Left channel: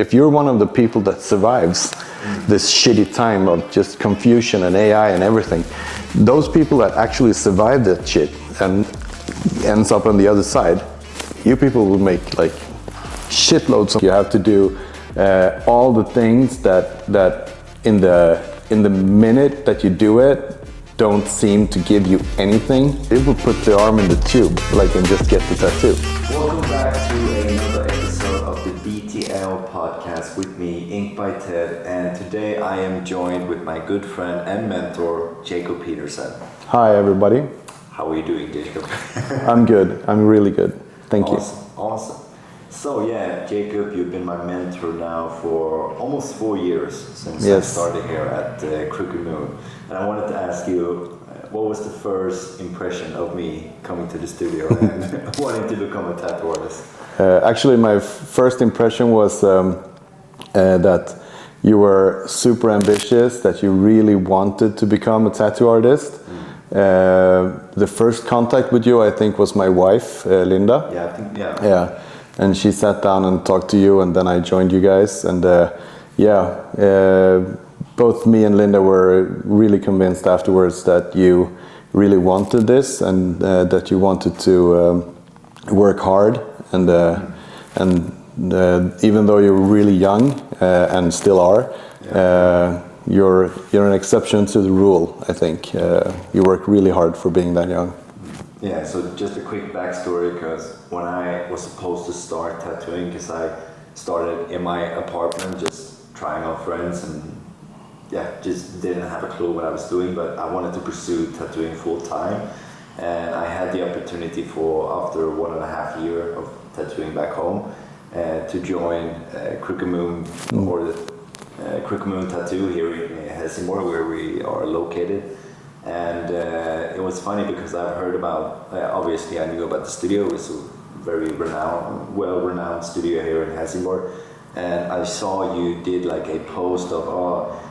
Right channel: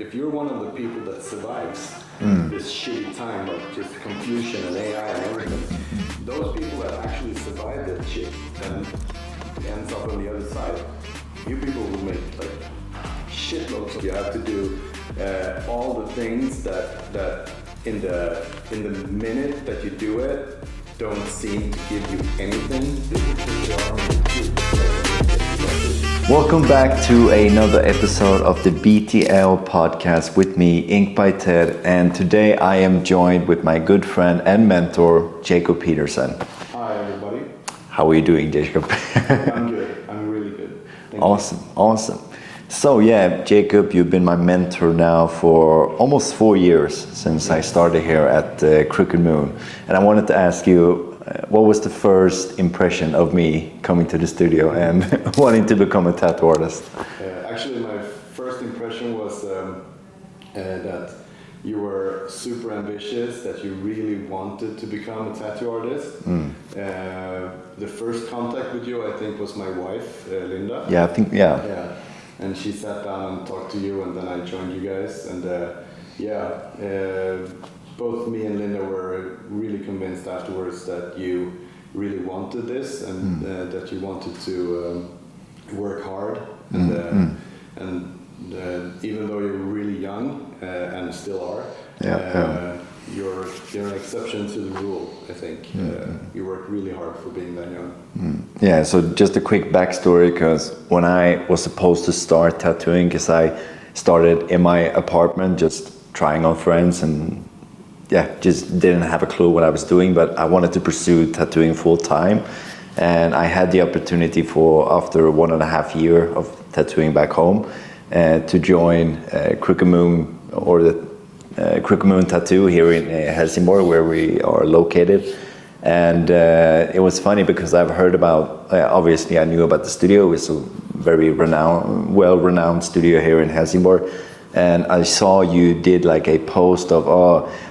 If you're one of the people that survives this shitty time of just confusion and AI and everything, those people that actually survive that shit and ends up on the other side, you people will make like shitloads of. You have to do all the things that in the minute that you do it don't seem to give you anything. It will put the arm in the tube, like, and just get the tattoo. Welcome back to another episode of the BTL Podcast with me, Inkbyted, and today I am joined with my good friend and mentor, Jacob Pedersen. Hi everybody. How are you doing, Jacob? I'm good. I'm really good. Thank you. Awesome. So yeah, Jacob, you've been my mentor now for almost 4 years since I started here at Crooked Moon. And I wanted to ask you, what was the first impression of me coming to the studio and wanting to become a tattoo artist? Actually, my first impression was that you were super ambitious, that you really wanted to become a tattoo artist. The first contact with you, I think, was my wife, Linda. Yeah. And she sat down and talked to you, and then I joined you guys. And both me and Linda were really convinced afterwards that you really wanted this, and that you wanted to work hard. And even though you're really young and still are, you're an exception to the rule. I think you work really hard for being that young. Yeah, so just a quick backstory, because when I was supposed to start tattooing, because I started in my apartment just trying on friends and just didn't have a clue what I was doing, but I wanted to pursue tattooing full time. And I had the opportunity after 1.5 years of tattooing back home, to join Crooked Moon, or the Crooked Moon Tattoo here in Helsingborg, where we are located. And it was funny because I've heard about, obviously I knew about the studio. It's a very well-renowned studio here in Helsingborg. And I saw you did like a post of,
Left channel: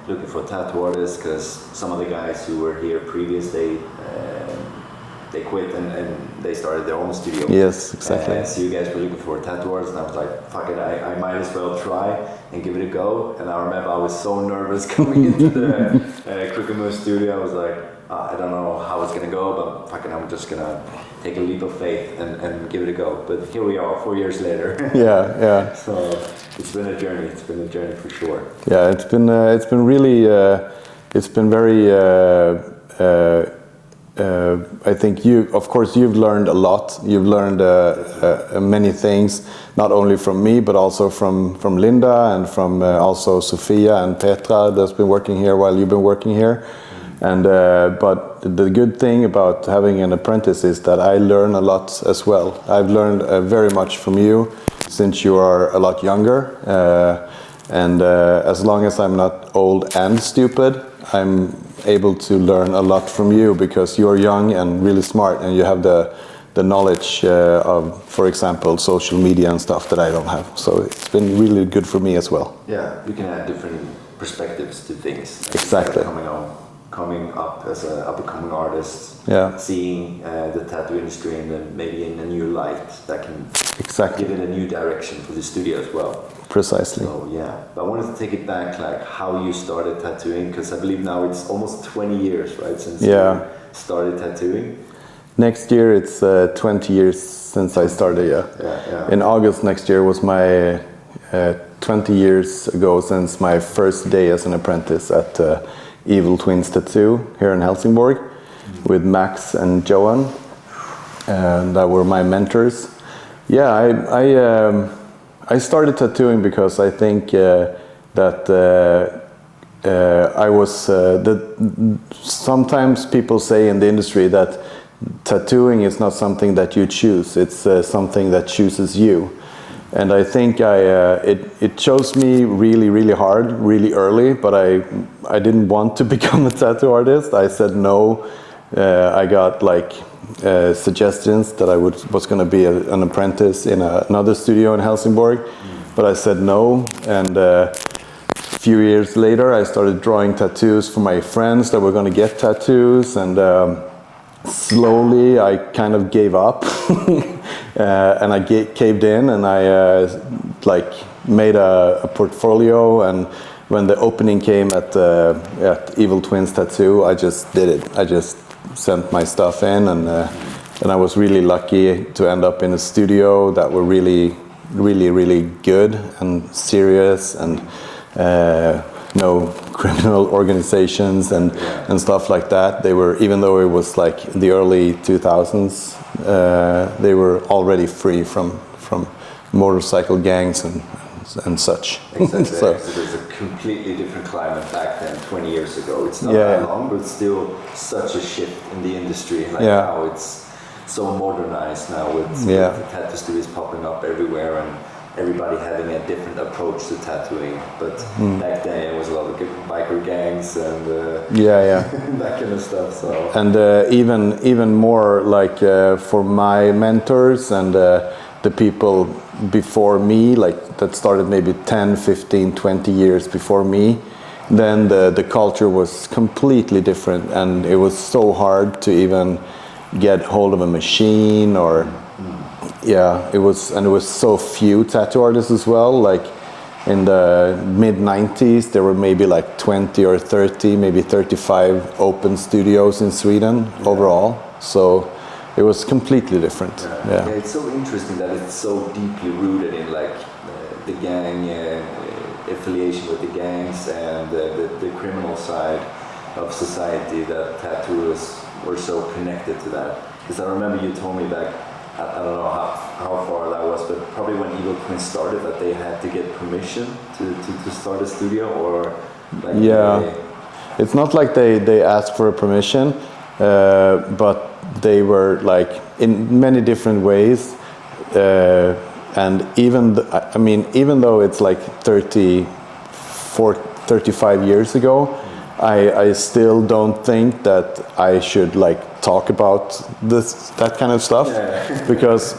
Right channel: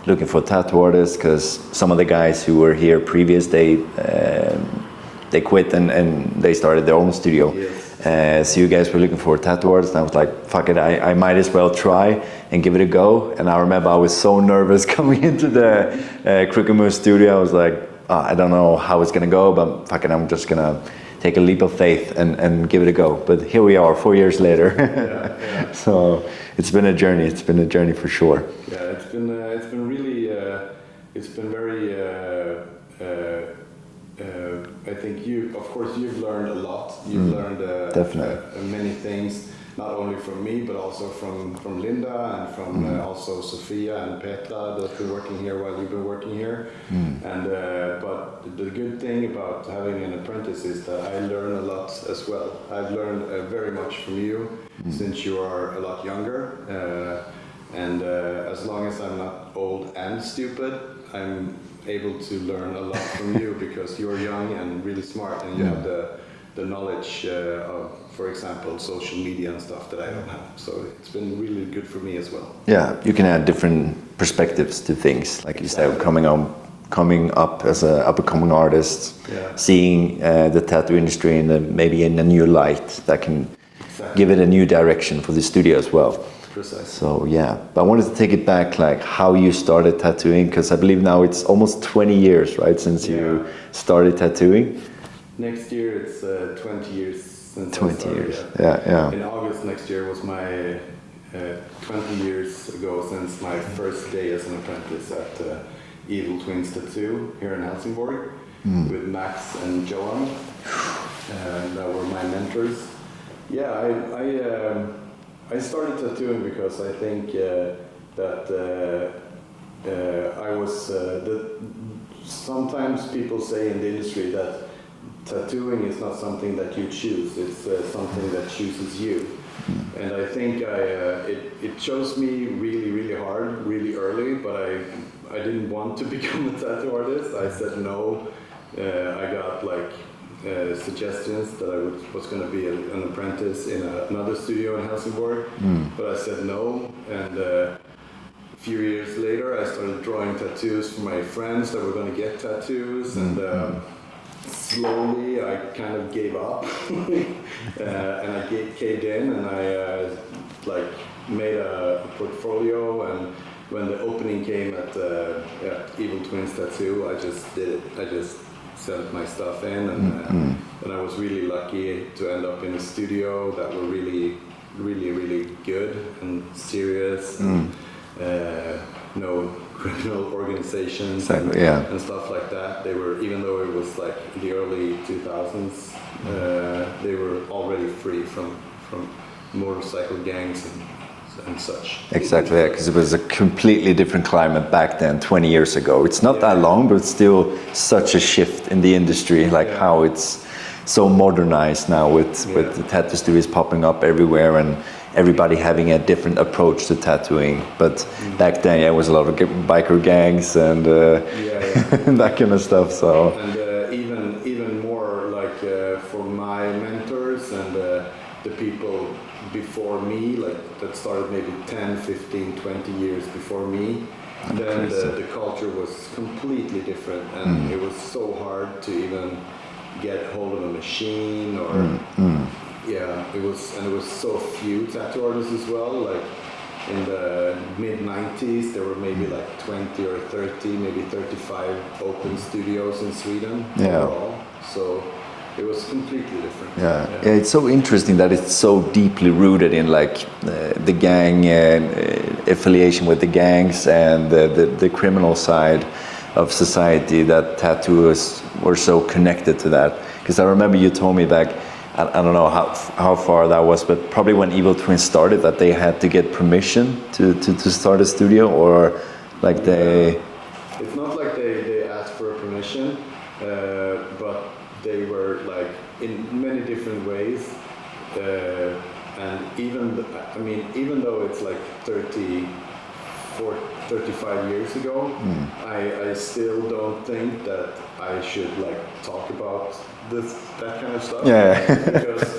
looking for tattoo artists, because some of the guys who were here previous, they quit and they started their own studio. Yes, exactly. So you guys were looking for a tattoo artist, and I was like, fuck it, I might as well try and give it a go. And I remember I was so nervous coming into the Crooked Moon studio. I was like, I don't know how it's gonna go, but fuck it, I'm just gonna take a leap of faith and give it a go. But here we are 4 years later. Yeah. So it's been a journey. It's been a journey for sure. Yeah, it's been really, it's been very. I think you've learned a lot. You've learned many things, not only from me, but also from Linda and from also Sofia and Petra that's been working here while you've been working here. And but the good thing about having an apprentice is that I learn a lot as well. I've learned very much from you since you are a lot younger. And as long as I'm not old and stupid, I'm able to learn a lot from you, because you're young and really smart, and you have the knowledge of, for example, social media and stuff that I don't have. So it's been really good for me as well. Yeah, you can add different perspectives to things. Like exactly. You said, coming up as an up-and-coming artist, seeing the tattoo industry maybe in a new light that can give it a new direction for the studio as well. Precisely. So but I wanted to take it back, like how you started tattooing, because I believe now it's almost 20 years, right, since you started tattooing. Next year it's 20 years since I started. Yeah. In August next year was my 20 years ago since my first day as an apprentice at Evil Twins Tattoo here in Helsingborg, with Max and Johan, that were my mentors. I started tattooing because I think that I was. Sometimes people say in the industry that tattooing is not something that you choose; it's something that chooses you. And I think it chose me really, really hard, really early. But I didn't want to become a tattoo artist. I said no. I got like suggestions that I was going to be an apprentice in another studio in Helsingborg, but I said no. And a few years later, I started drawing tattoos for my friends that were going to get tattoos, and slowly I kind of gave up, and I caved in, and I made a portfolio, and when the opening came at Evil Twins Tattoo, I just did it. I just sent my stuff in, and I was really lucky to end up in a studio that were really, really, really good and serious, and no criminal organizations and stuff like that. They were, even though it was like the early 2000s, they were already free from motorcycle gangs and such. Exactly, because it was a completely different climate back then, 20 years ago. It's not that long, but it's still such a shift in the industry, like how it's so modernized now with the tattoo studios popping up everywhere and everybody having a different approach to tattooing. But back then, it was a lot of biker gangs and that kind of stuff. So and even more like for my mentors and the people before me, like that started maybe 10, 15, 20 years before me, then the culture was completely different, and it was so hard to even get hold of a machine or it was so few tattoo artists as well. Like in the mid-90s there were maybe like 20 or 30, maybe 35 open studios in Sweden overall, so it was completely different. It's so interesting that it's so deeply rooted in like the gang affiliation with the gangs and the criminal side of society, that tattoos were so connected to that. Because I remember you told me back, I don't know how far that was, but probably when Evil Twins started, that they had to get permission to start a studio, or like it's not like they asked for a permission, but they were like in many different ways, and even though it's like 35 years ago, I still don't think that I should like talk about that kind of stuff, because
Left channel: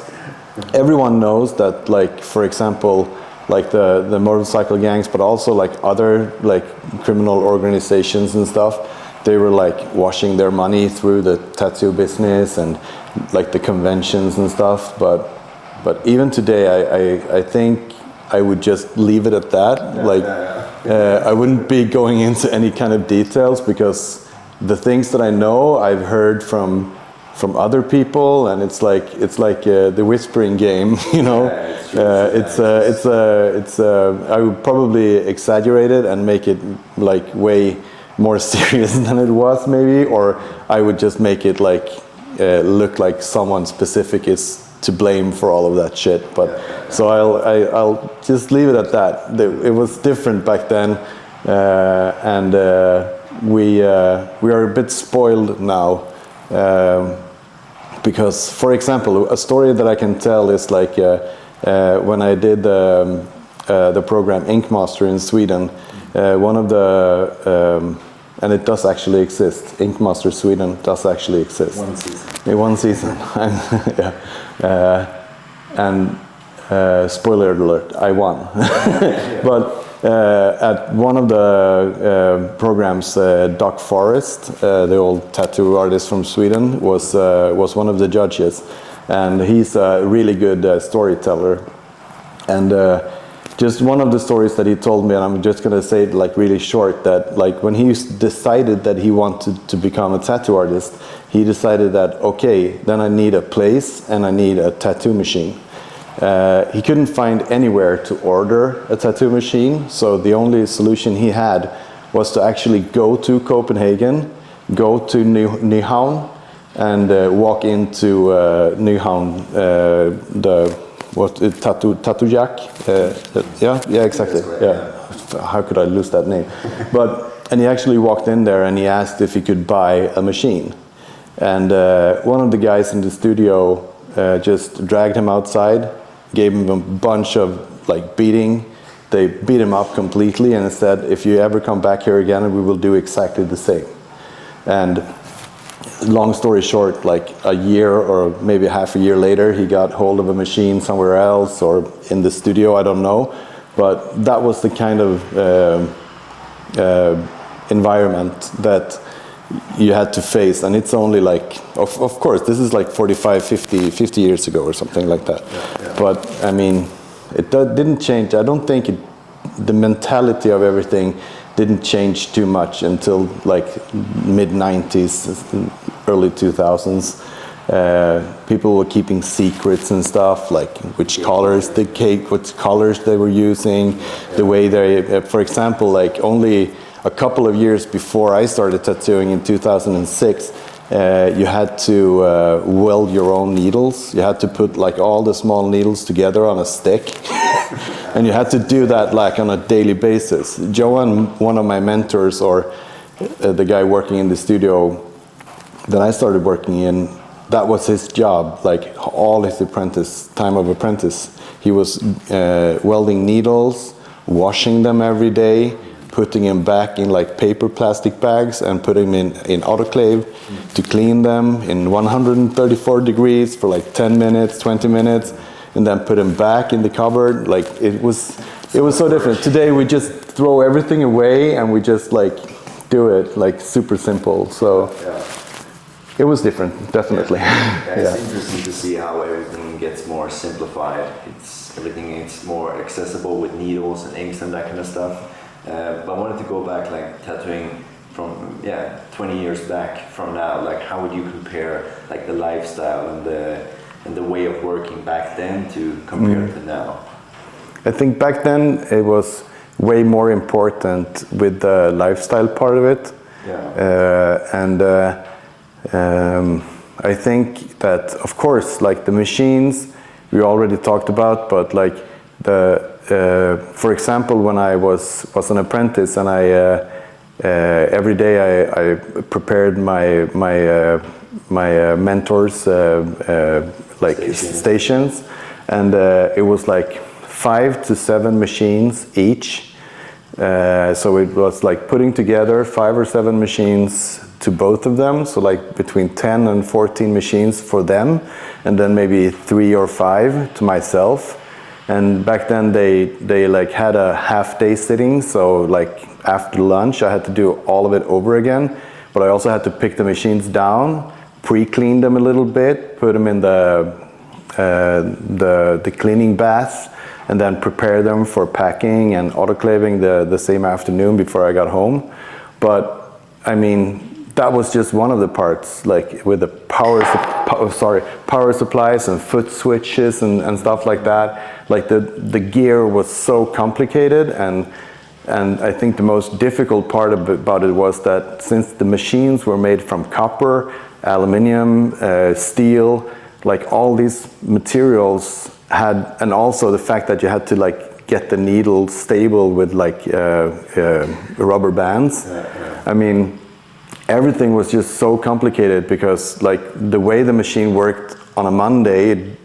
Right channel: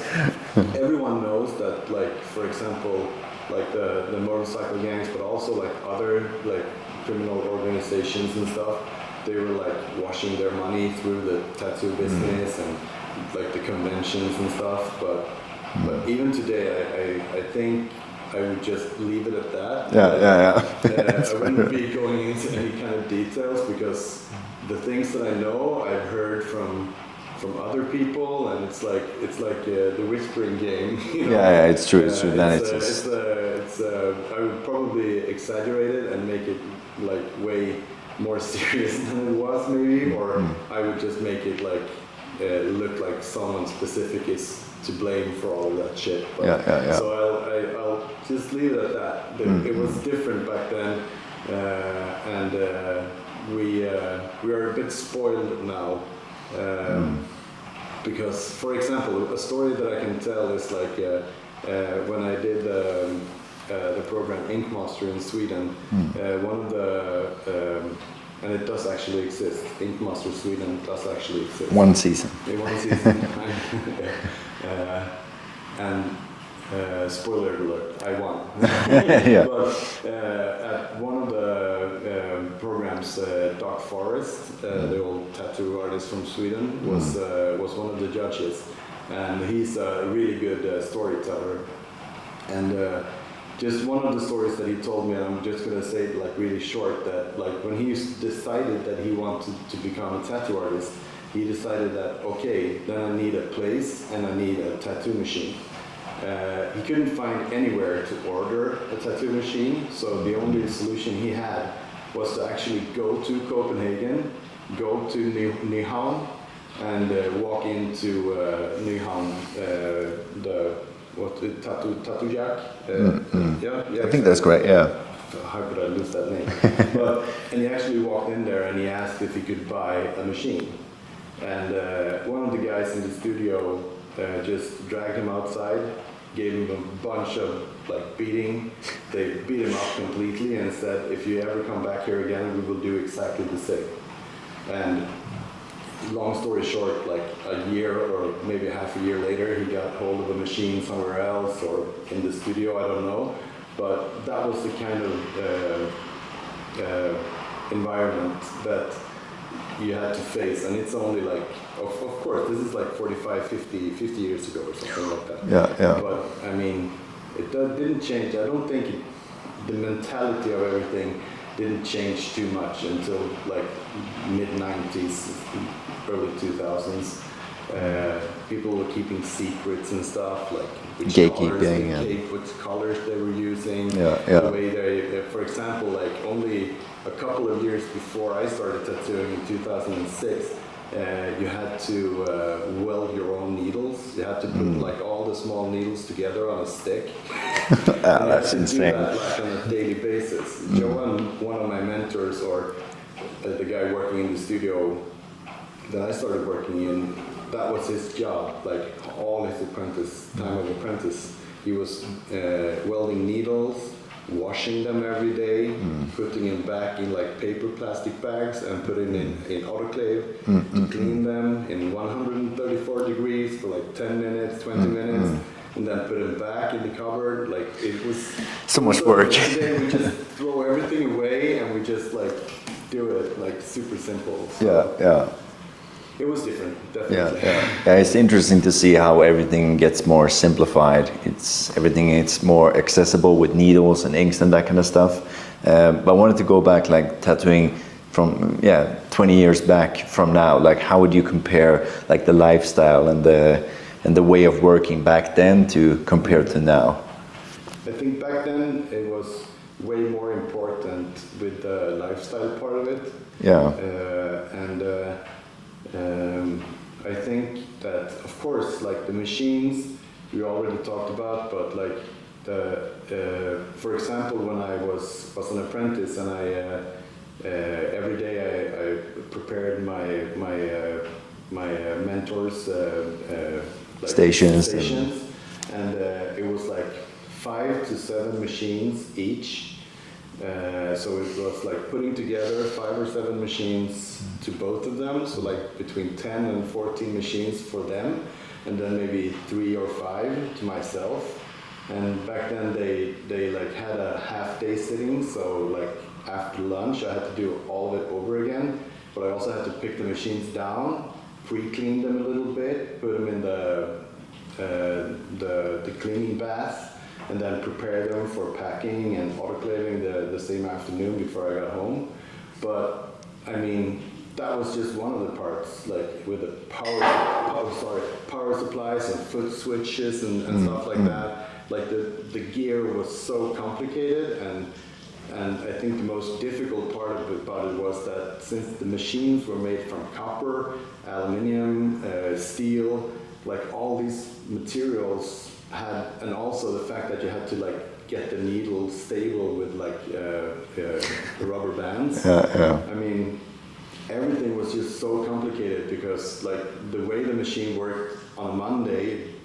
everyone knows that, like, for example, like the motorcycle gangs, but also like other like criminal organizations and stuff, they were like washing their money through the tattoo business and like the conventions and stuff, but even today I think I would just leave it at that. I wouldn't be going into any kind of details, because the things that I know I've heard from other people, and it's like the whispering game, you know. It's true. I would probably exaggerate it and make it like way more serious than it was, maybe, or I would just make it like look like someone specific is to blame for all of that shit. But so I'll just leave it at that. It was different back then, and we are a bit spoiled now, because, for example, a story that I can tell is like when I did the program Inkmaster in Sweden, one of the and it does actually exist. Inkmaster Sweden does actually exist. One season. One season. And spoiler alert, I won. But at one of the programs, Doc Forrest, the old tattoo artist from Sweden, was one of the judges, and he's a really good storyteller. And just one of the stories that he told me, and I'm just gonna say it like really short, that like when he decided that he wanted to become a tattoo artist, he decided that, okay, then I need a place and I need a tattoo machine. He couldn't find anywhere to order a tattoo machine, so the only solution he had was to actually go to Copenhagen, go to Nyhavn, and walk into Nyhavn, Tattoo Jack. Exactly. I think that's great. Yeah. How could I lose that name? And he actually walked in there and he asked if he could buy a machine. And one of the guys in the studio just dragged him outside, gave him a bunch of like beating. They beat him up completely and said, if you ever come back here again, we will do exactly the same. And long story short, like a year or maybe half a year later, he got hold of a machine somewhere else or in the studio, I don't know. But that was the kind of environment that you had to face, and it's only like, of course, this is like 45, 50 years ago or something like that. But I mean, didn't change. I don't think the mentality of everything didn't change too much until like mid 90s, early 2000s. People were keeping secrets and stuff, like which colors what colors they were using, the way they, for example, like only a couple of years before I started tattooing in 2006, you had to weld your own needles. You had to put like all the small needles together on a stick, and you had to do that like on a daily basis. Johan, one of my mentors, or the guy working in the studio that I started working in, that was his job. Like all his time of apprentice, he was welding needles, washing them every day, putting them back in like paper plastic bags and putting them in autoclave to clean them in 134 degrees for like 10 minutes, 20 minutes, and then put them back in the cupboard. Like it was so different. Today we just throw everything away and we just like do it like super simple. So it was different, definitely. It's interesting to see how everything gets more simplified. It's more accessible with needles and inks and that kind of stuff. But I wanted to go back, like tattooing from 20 years back from now. Like, how would you compare like the lifestyle and the way of working back then to compare to now? I think back then it was way more important with the lifestyle part of it. I think that, of course, like the machines we already talked about, but like for example, when I was an apprentice and I every day I prepared my mentors like stations, and it was like 5 to 7 machines each. So it was like putting together 5 or 7 machines to both of them, so like between 10 and 14 machines for them, and then maybe 3 or 5 to myself. And back then they like had a half-day sitting, so like after lunch I had to do all of it over again, but I also had to pick the machines down, pre-clean them a little bit, put them in the cleaning bath, and then prepare them for packing and autoclaving the same afternoon before I got home. But I mean, that was just one of the parts, like with the power supplies and foot switches and stuff like that. Like the gear was so complicated, and I think the most difficult part about it was that since the machines were made from copper, aluminium, steel, like all these materials had, and also the fact that you had to like get the needle stable with like rubber bands. I mean, everything was just so complicated because like the way the machine worked on a Monday, it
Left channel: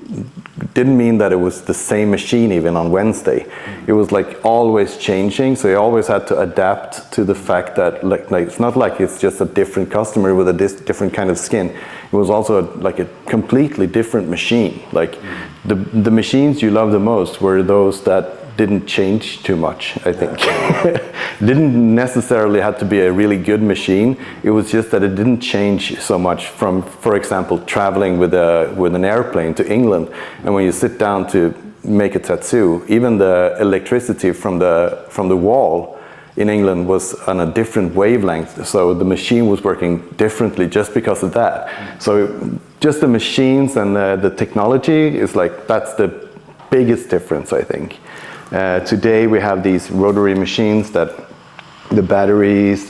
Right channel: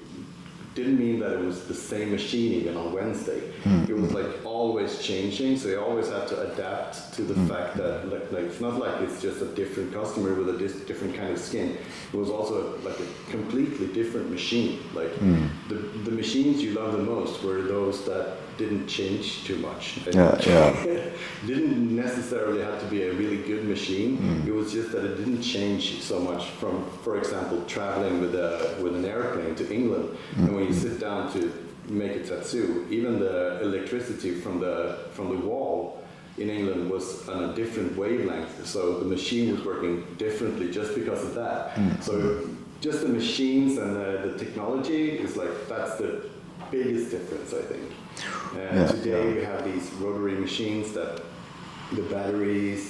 didn't mean that it was the same machine even on Wednesday. It was like always changing, so you always had to adapt to the fact that like it's not like it's just a different customer with a different kind of skin. It was also like a completely different machine. Like the machines you love the most were those that didn't change too much, I think. Didn't necessarily have to be a really good machine. It was just that it didn't change so much from, for example, traveling with an airplane to England. And when you sit down to make a tattoo, even the electricity from the wall in England was on a different wavelength. So the machine was working differently just because of that. So just the machines and the technology is like, that's the biggest difference, I think. Today we have these rotary machines that the batteries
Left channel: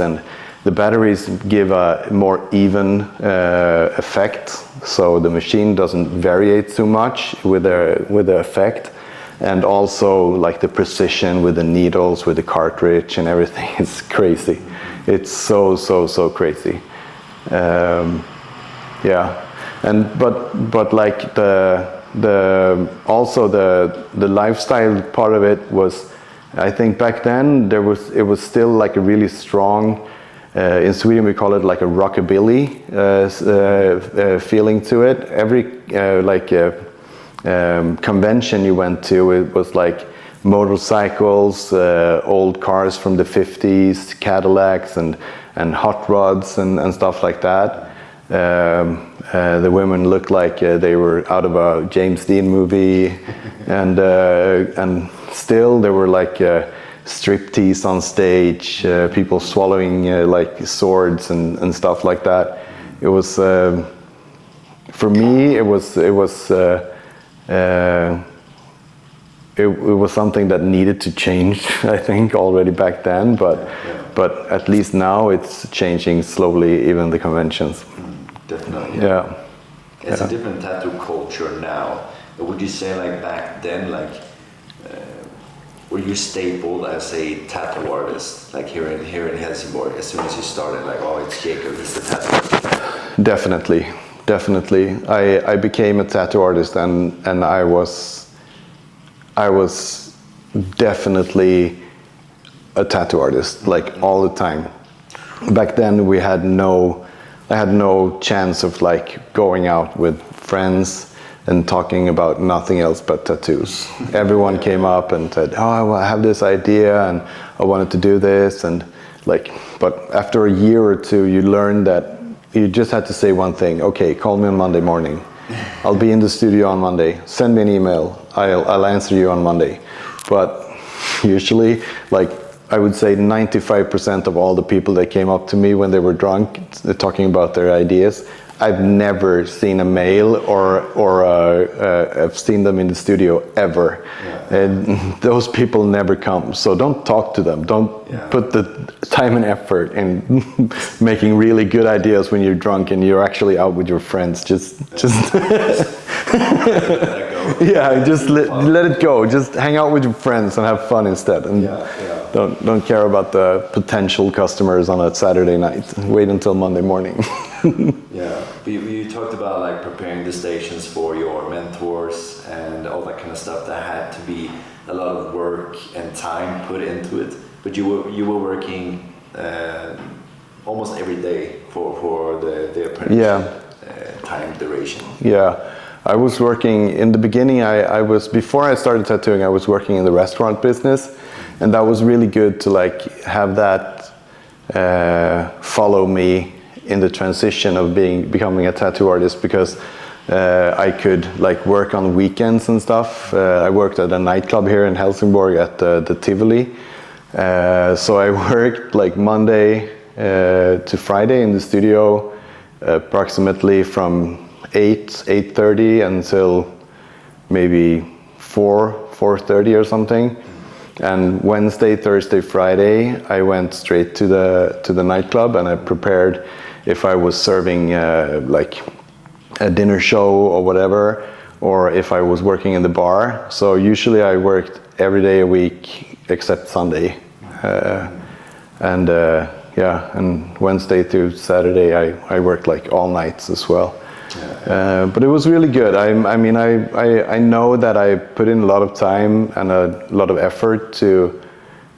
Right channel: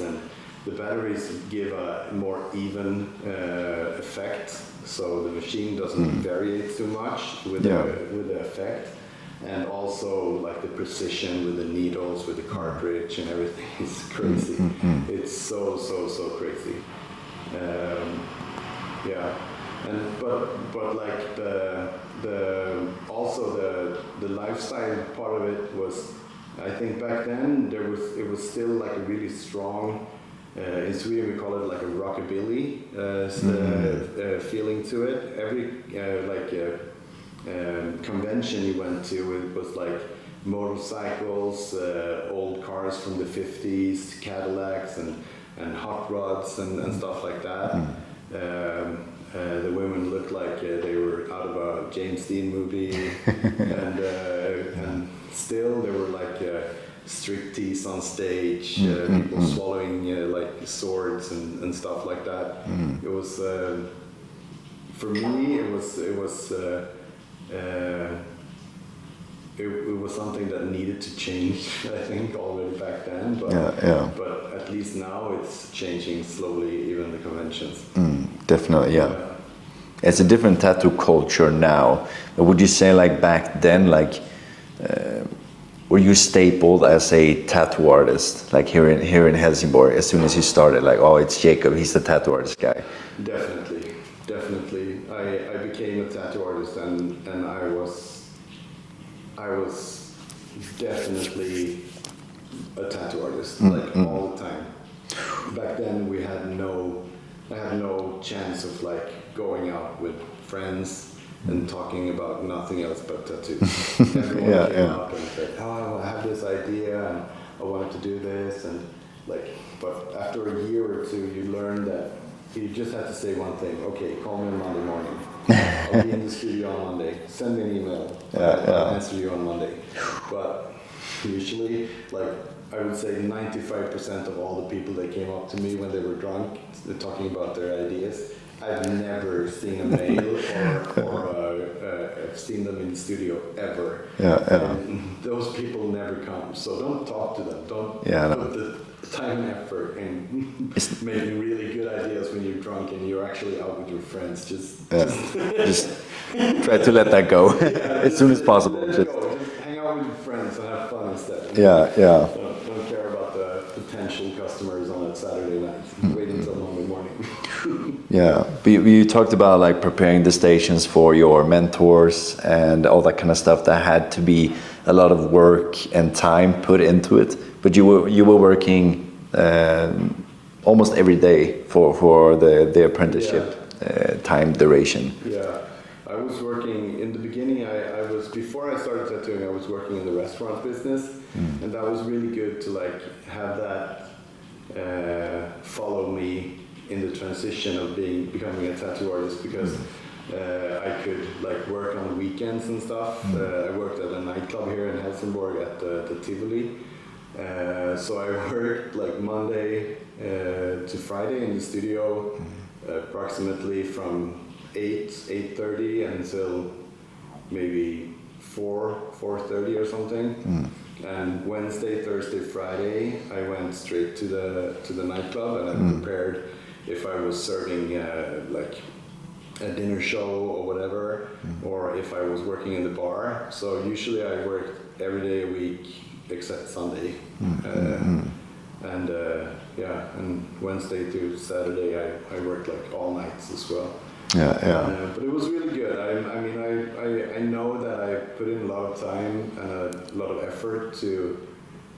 give a more even effect, so the machine doesn't vary too much with the effect, and also like the precision with the needles, with the cartridge and everything is crazy. It's so crazy. But like also the lifestyle part of it was, I think back then it was still like a really strong, in Sweden we call it like a rockabilly feeling to it. Every convention you went to, it was like motorcycles, old cars from the 50s, Cadillacs and hot rods and stuff like that. The women looked like they were out of a James Dean movie, and still there were like striptease on stage, people swallowing like swords and stuff like that. It was for me. It was something that needed to change, I think, already back then. But at least now it's changing slowly, even the conventions. Definitely, yeah. It's a different tattoo culture now. But would you say, like back then, like were you stapled as a tattoo artist, like here in Helsingborg? As soon as you started, like, oh, it's Jacob, he's the tattoo artist guy. Definitely. I became a tattoo artist, and I was definitely a tattoo artist, like all the time. Back then I had no chance of like going out with friends and talking about nothing else but tattoos. Everyone came up and said, oh, I have this idea and I wanted to do this, and like, but after a year or two you learn that you just had to say one thing: okay, call me on Monday morning. I'll be in the studio on Monday. Send me an email. I'll answer you on Monday. But usually, like, I would say 95% of all the people that came up to me when they were drunk, talking about their ideas, I've never seen a mail or I've seen them in the studio ever. And those people never come. So don't talk to them. Don't put the time and effort in making really good ideas when you're drunk and you're actually out with your friends. Just try to let that go. Just let it go. Just hang out with your friends and have fun instead. And don't care about the potential customers on a Saturday night. Wait until Monday morning. But you talked about like preparing the stations for your mentors and all that kind of stuff. That had to be a lot of work and time put into it. But you were working almost every day for the apprenticeship time duration. I was working in the beginning. Before I started tattooing, I was working in the restaurant business, and that was really good to like have that follow me in the transition of becoming a tattoo artist, because I could like work on weekends and stuff. I worked at a nightclub here in Helsingborg at the Tivoli. So I worked like Monday to Friday in the studio, approximately from 8:30 until maybe 4:30 or something. And Wednesday, Thursday, Friday, I went straight to the nightclub, and I prepared if I was serving like a dinner show or whatever, or if I was working in the bar. So usually I worked every day a week except Sunday. And Wednesday through Saturday I worked like all nights as well. But it was really good. I know that I put in a lot of time and a lot of effort to.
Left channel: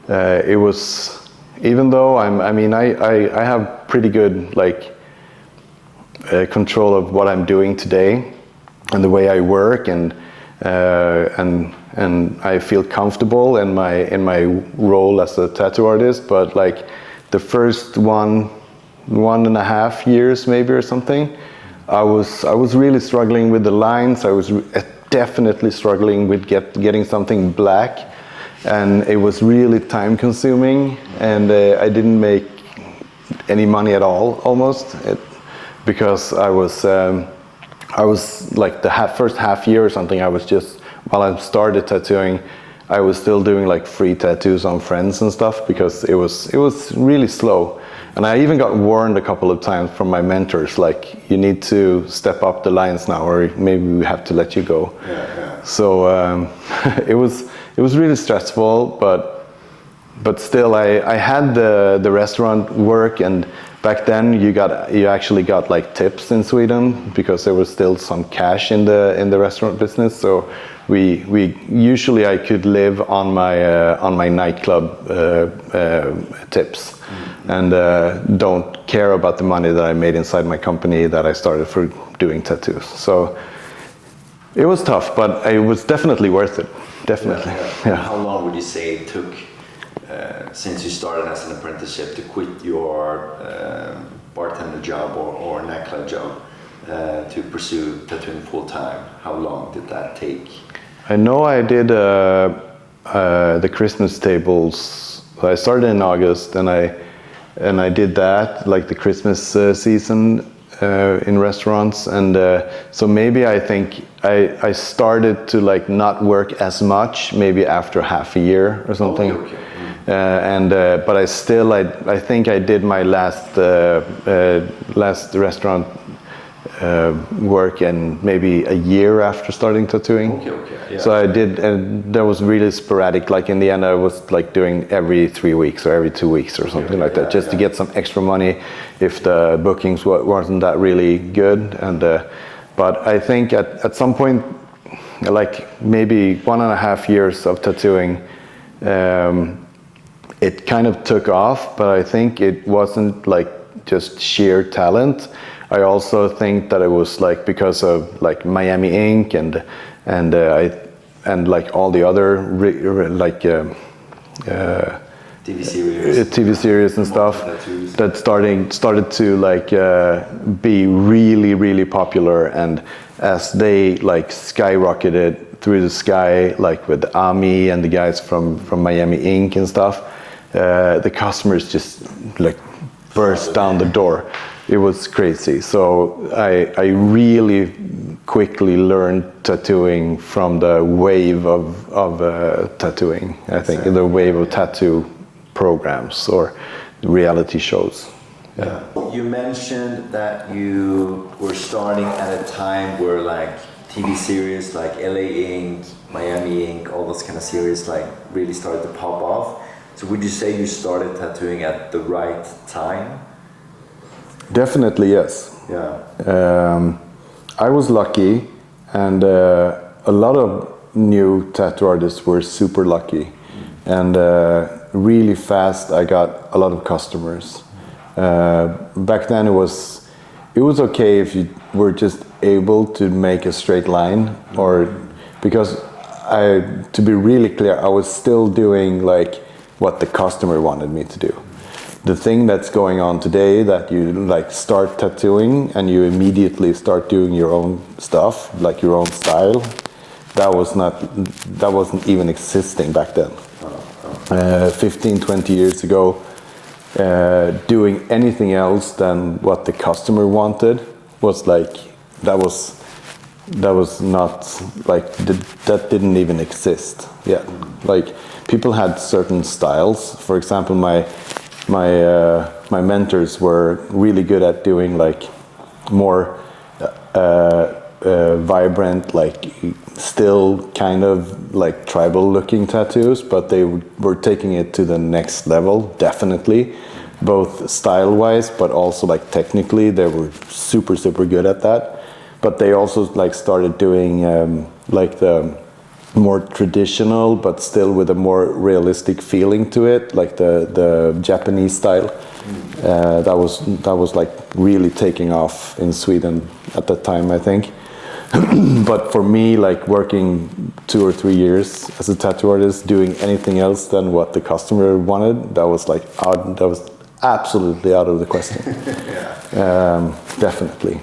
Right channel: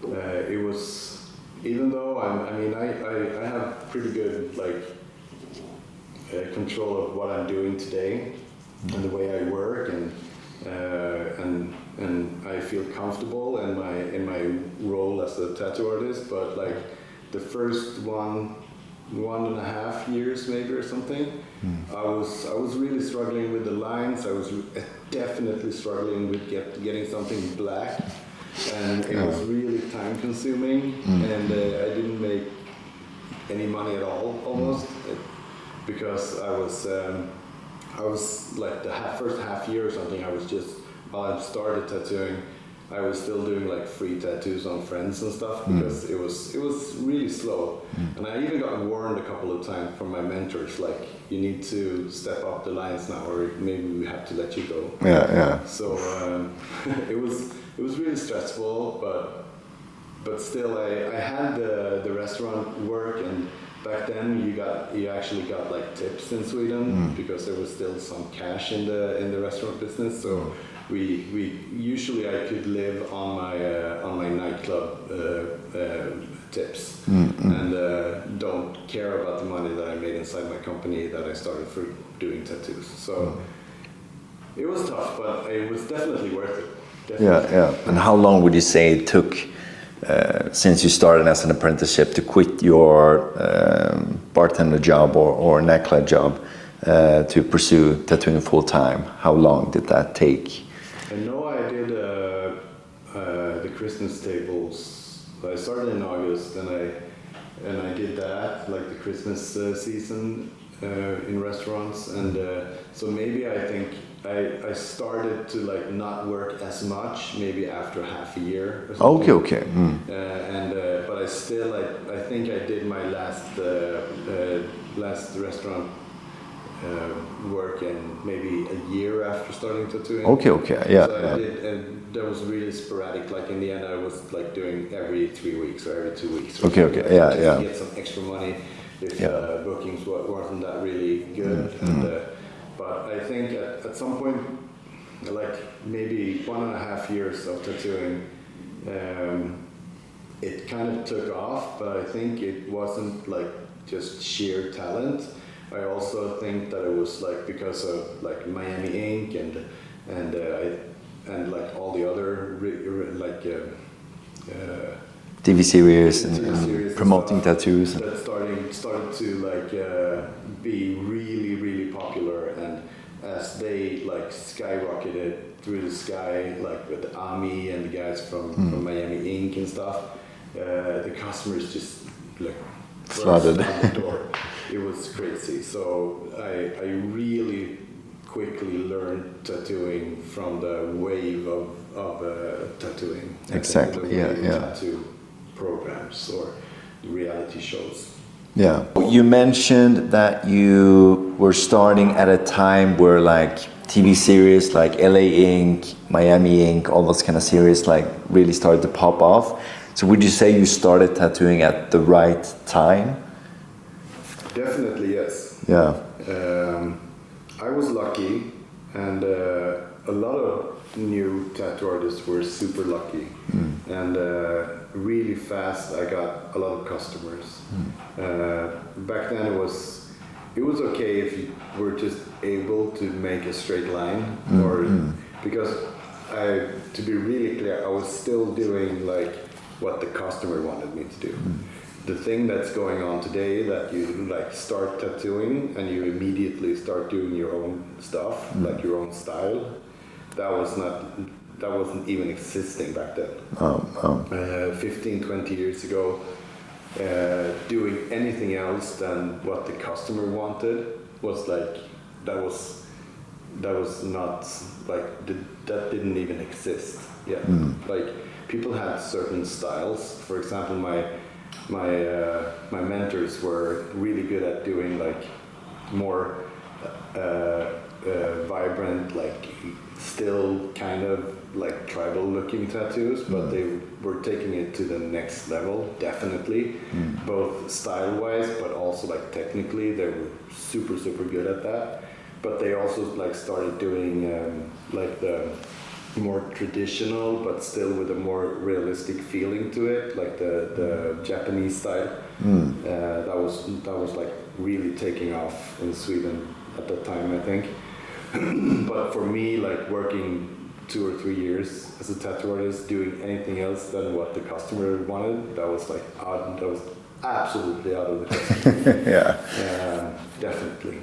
It was, even though I have pretty good like control of what I'm doing today and the way I work, and I feel comfortable in my role as a tattoo artist. But like the first 1.5 years maybe or something, I was really struggling with the lines. I was definitely struggling with getting something black, and it was really time consuming, and I didn't make any money at all almost, because I was like the first half year or something, I was just, while I started tattooing, I was still doing like free tattoos on friends and stuff, because it was really slow. And I even got warned a couple of times from my mentors, like, you need to step up the lines now, or maybe we have to let you go. So it was really stressful, but still I had the restaurant work, and back then you actually got like tips in Sweden, because there was still some cash in the restaurant business. So we usually I could live on my nightclub tips, and don't care about the money that I made inside my company that I started for doing tattoos. So it was tough, but it was definitely worth it. Definitely. And how long would you say it took since you started as an apprenticeship to quit your bartender job or nightclub job to pursue tattooing full time? How long did that take? I know I did the Christmas tables. I started in August, and I did that, like the Christmas season in restaurants, and so maybe I think I started to like not work as much maybe after half a year or something. Okay. But I think I did my last restaurant work in maybe a year after starting tattooing. Okay. Yeah. So I did, and that was really sporadic. Like in the end, I was like doing every 3 weeks or every 2 weeks or something like that, just to get some extra money if the bookings wasn't that really good. And but I think at some point, like maybe 1.5 years of tattooing, it kind of took off. But I think it wasn't like just sheer talent. I also think that it was like because of like Miami Ink and like all the other TV series and stuff tattoos. that started to like be really popular, and as they like skyrocketed through the sky, like with Ami and the guys from Miami Ink and stuff, the customers just like burst down the door. It was crazy. So I really quickly learned tattooing from the wave of tattooing. I think the wave of tattoo programs or reality shows. Yeah. You mentioned that you were starting at a time where like TV series like LA Ink, Miami Ink, all those kind of series like really started to pop off. So would you say you started tattooing at the right time? Definitely, yes. Yeah. I was lucky, and a lot of new tattoo artists were super lucky. And really fast I got a lot of customers. Back then it was okay if you were just able to make a straight line, or because to be really clear, I was still doing like what the customer wanted me to do. The thing that's going on today, that you like start tattooing and you immediately start doing your own stuff, like your own style, that wasn't even existing back then. 15, 20 years ago, doing anything else than what the customer wanted was like, that was not like, that didn't even exist yet. Like people had certain styles. For example, my mentors were really good at doing like more vibrant, like still kind of like tribal looking tattoos, but they were taking it to the next level, definitely, both style wise, but also like technically they were super good at that. But they also like started doing like the more traditional, but still with a more realistic feeling to it, like the Japanese style. That was like really taking off in Sweden at that time, I think. But for me, like working 2 or 3 years as a tattoo artist, doing anything else than what the customer wanted, that was like that was absolutely out of the question. Definitely.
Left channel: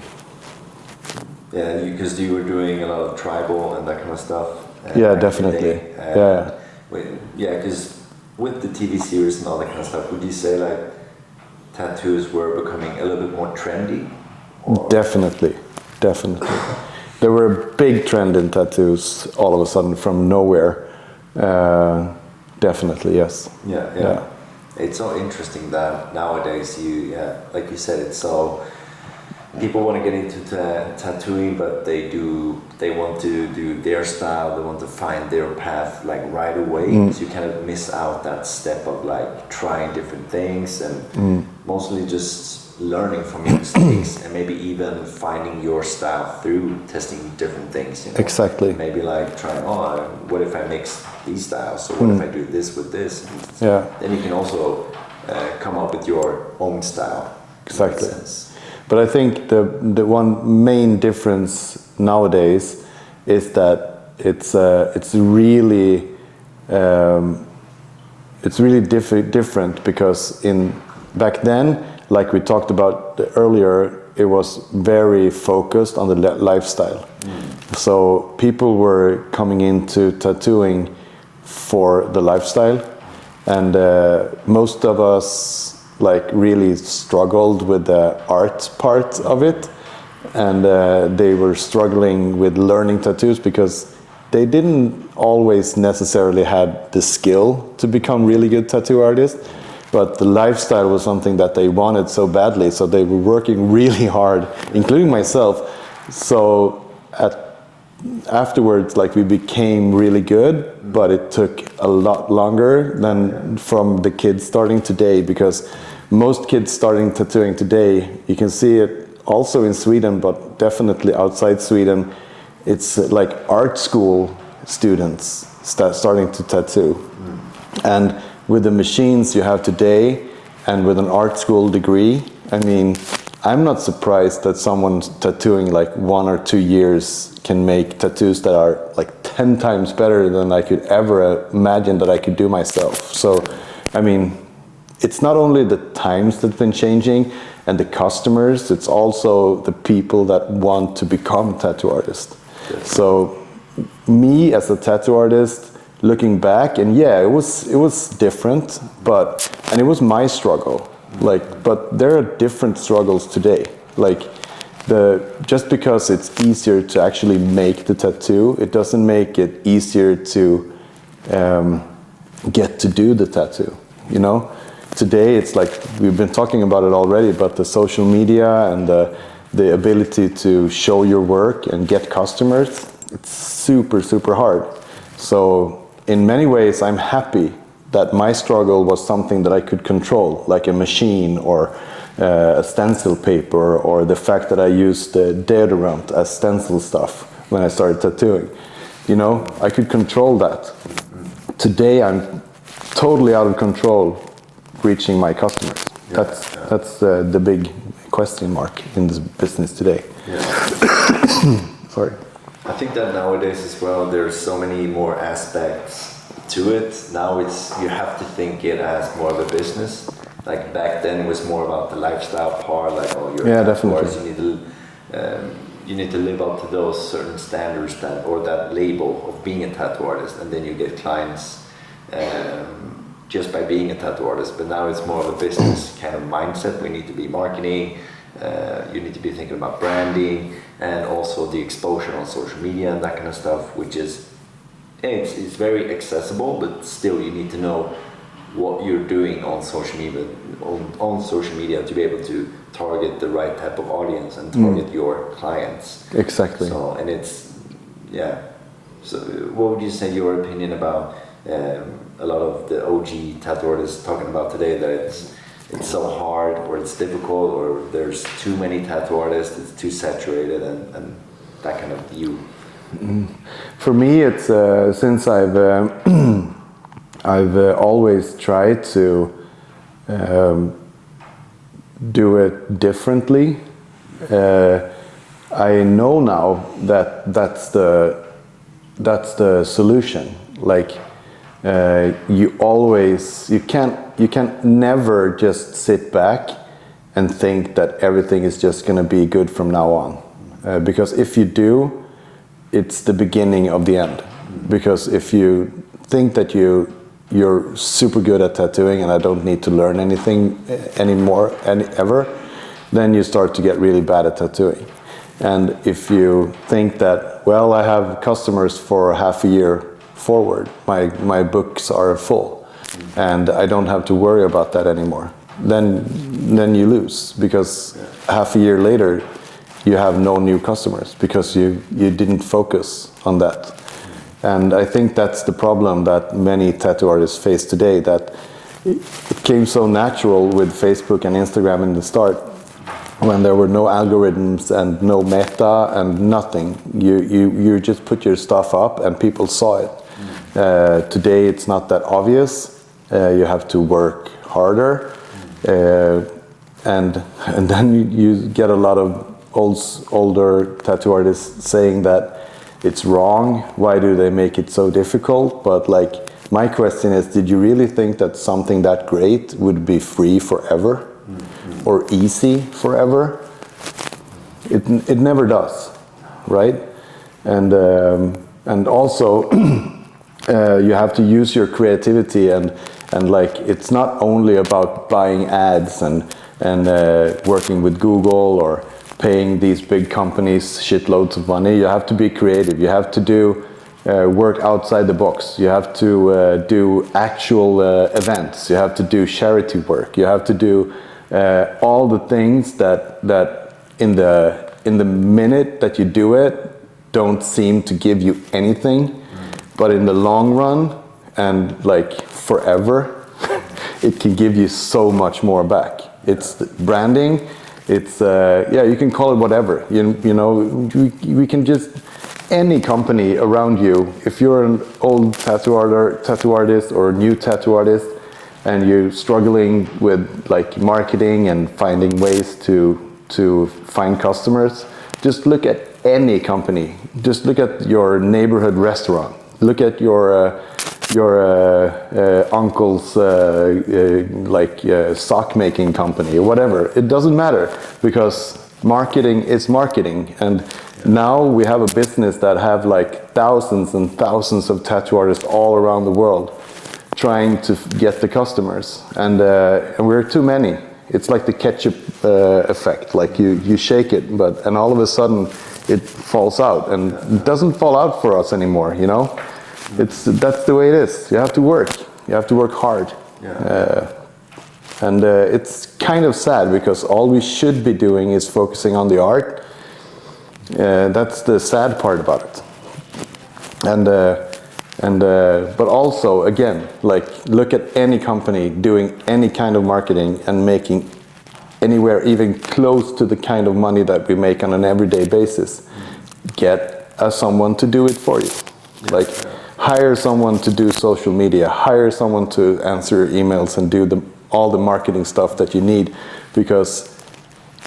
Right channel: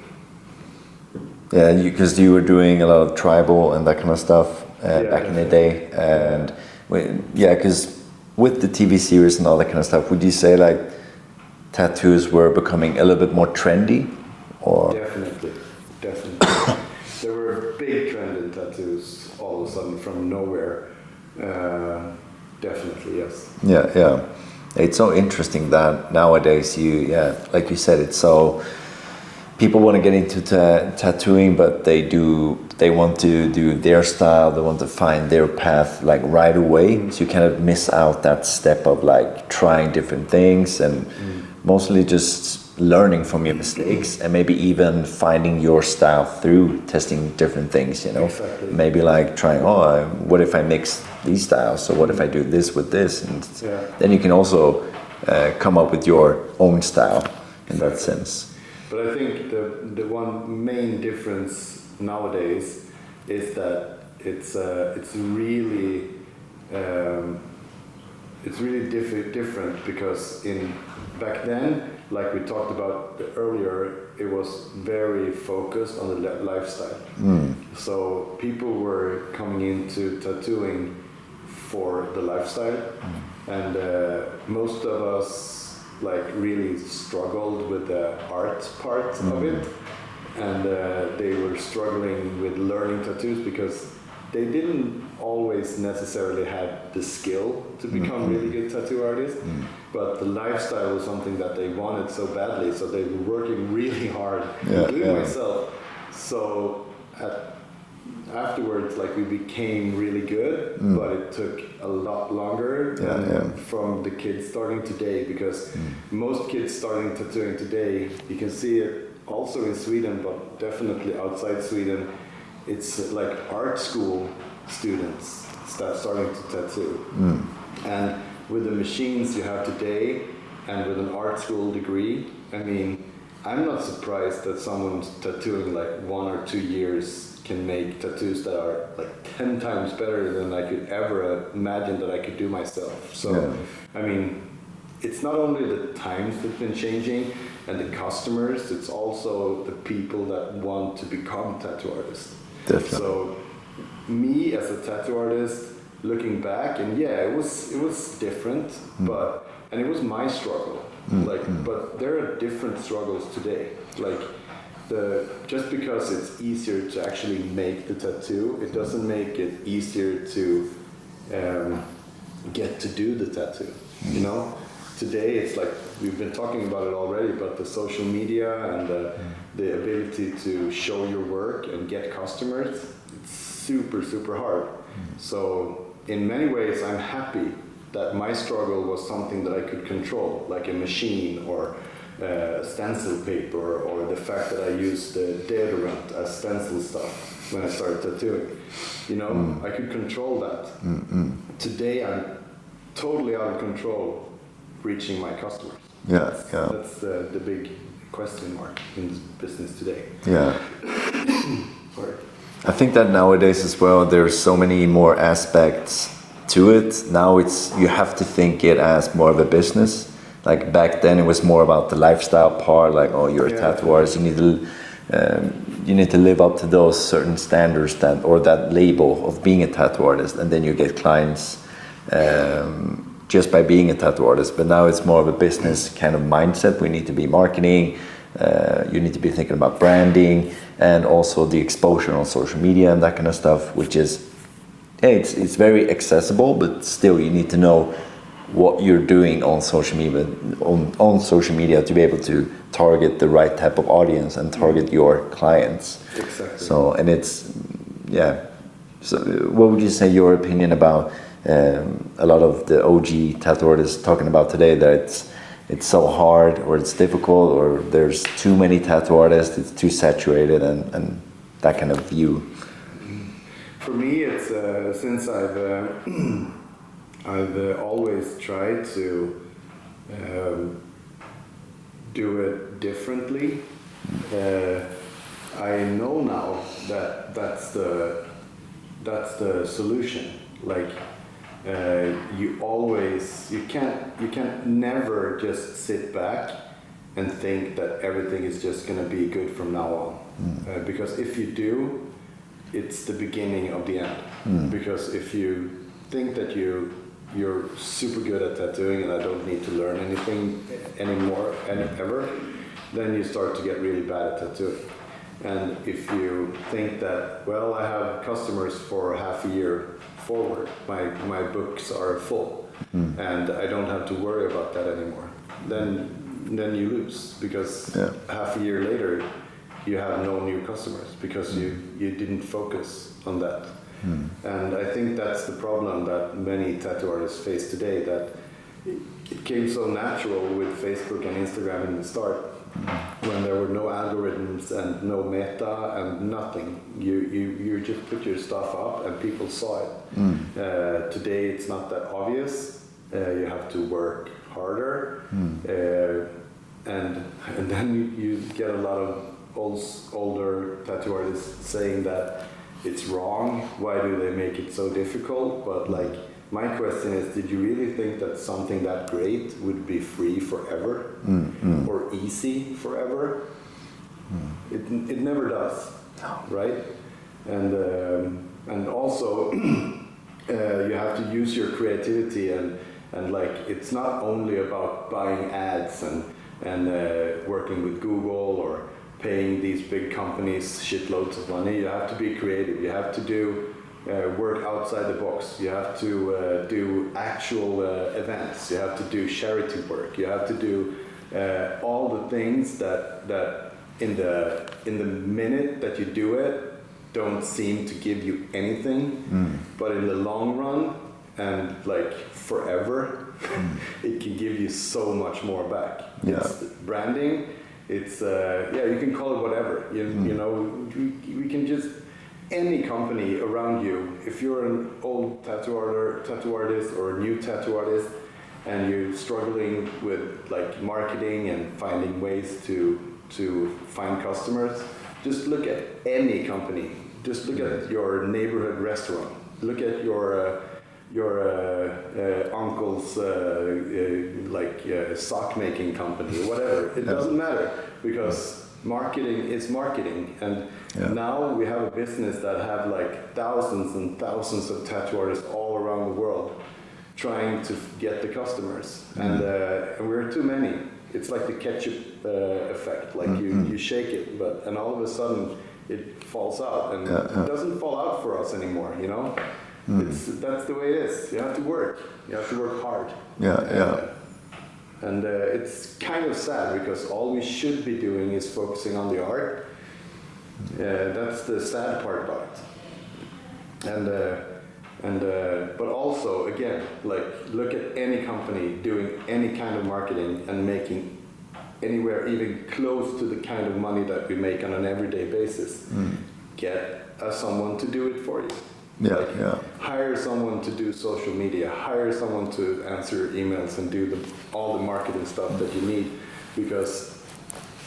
Yeah, because you were doing a lot of tribal and that kind of stuff. Yeah, definitely. Because with the TV series and all that kind of stuff, would you say like tattoos were becoming a little bit more trendy? Or? Definitely. There were a big trend in tattoos all of a sudden from nowhere. Definitely, yes. Yeah. It's so interesting that nowadays like you said, it's so people want to get into tattooing, but they want to do their style, they want to find their path like right away. So you kind of miss out that step of like trying different things and mostly just learning from your mistakes and maybe even finding your style through testing different things, you know? Exactly. Maybe like trying, what if I mix these styles? So what if I do this with this? And then you can also come up with your own style. Exactly. In that sense. But I think the one main difference nowadays is that it's really it's really different because back then, like we talked about earlier, it was very focused on the lifestyle. So people were coming into tattooing for the lifestyle, and most of us like really struggled with the art part of it, and they were struggling with learning tattoos because they didn't always necessarily have the skill to become really good tattoo artists. But the lifestyle was something that they wanted so badly, so they were working really hard, including myself. So afterwards, like, we became really good, but it took a lot longer than from the kids starting today, because most kids starting tattooing today, you can see it also in Sweden, but definitely outside Sweden, it's like art school students starting to tattoo. And with the machines you have today, and with an art school degree, I mean, I'm not surprised that someone tattooing like 1 or 2 years can make tattoos that are like 10 times better than I could ever imagine that I could do myself. So, I mean, it's not only the times that have been changing and the customers, it's also the people that want to become tattoo artists. So, me as a tattoo artist, looking back, and it was different, and it was my struggle. But there are different struggles today. Like, just because it's easier to actually make the tattoo, it doesn't make it easier to get to do the tattoo. You know, today it's like, we've been talking about it already, but the social media and the ability to show your work and get customers, it's super hard. So in many ways, I'm happy that my struggle was something that I could control, like a machine or a stencil paper, or the fact that I used deodorant as stencil stuff when I started tattooing. You know, I could control that. Today, I'm totally out of control reaching my customers. That's the big question mark in this business today. Sorry. I think that nowadays as well, there's so many more aspects to it. Now you have to think it as more of a business. Like back then, it was more about the lifestyle part. Like, oh, you're a tattoo artist, you need to live up to those certain standards or that label of being a tattoo artist, and then you get clients just by being a tattoo artist. But now it's more of a business kind of mindset. We need to be marketing. You need to be thinking about branding, and also the exposure on social media and that kind of stuff, which is, it's very accessible, but still you need to know what you're doing on social media to be able to target the right type of audience and target your clients. Exactly. So, and it's, so what would you say your opinion about a lot of the OG tattoo artists talking about today, that it's so hard, or it's difficult, or there's too many tattoo artists, it's too saturated, and that kind of view? For me, it's since I've always tried to do it differently. I know now that that's the solution. Like, you can't never just sit back and think that everything is just going to be good from now on, because if you do, it's the beginning of the end. Because if you think that you're super good at tattooing and I don't need to learn anything anymore ever, then you start to get really bad at tattooing. And if you think that, well, I have customers for half a year forward, my books are full, and I don't have to worry about that anymore, then you lose, because half a year later you have no new customers because you didn't focus on that. And I think that's the problem that many tattoo artists face today, that it came so natural with Facebook and Instagram in the start, when there were no algorithms and no meta and nothing. You just put your stuff up and people saw it. Today it's not that obvious. You have to work harder, and then you get a lot of older tattoo artists saying that it's wrong. Why do they make it so difficult? But like, my question is, did you really think that something that great would be free forever or easy forever? It never does, right? And also you have to use your creativity and like it's not only about buying ads and working with Google or paying these big companies shitloads of money. You have to be creative. You have to do work outside the box. You have to do actual events. You have to do charity work. You have to do all the things that in the minute that you do it don't seem to give you anything, but in the long run and like forever, it can give you so much more back. It's branding. It's you can call it whatever. You know, we can just any company around you. If you're an old tattoo artist or a new tattoo artist, and you're struggling with like marketing and finding ways to find customers, just look at any company. Just look at your neighborhood restaurant. Look at your uncle's sock making company or whatever. It doesn't matter because marketing is marketing. And now we have a business that have like thousands and thousands of tattoo artists all around the world trying to get the customers. And we're too many. It's like the ketchup effect. Like you shake it, and all of a sudden it falls out, and it doesn't fall out for us anymore. You know, that's the way it is. You have to work. You have to work hard. And it's kind of sad because all we should be doing is focusing on the art. That's the sad part about it. But also, again, like look at any company doing any kind of marketing and making anywhere even close to the kind of money that we make on an everyday basis. Get someone to do it for you. Hire someone to do social media, hire someone to answer emails and do all the marketing stuff that you need, because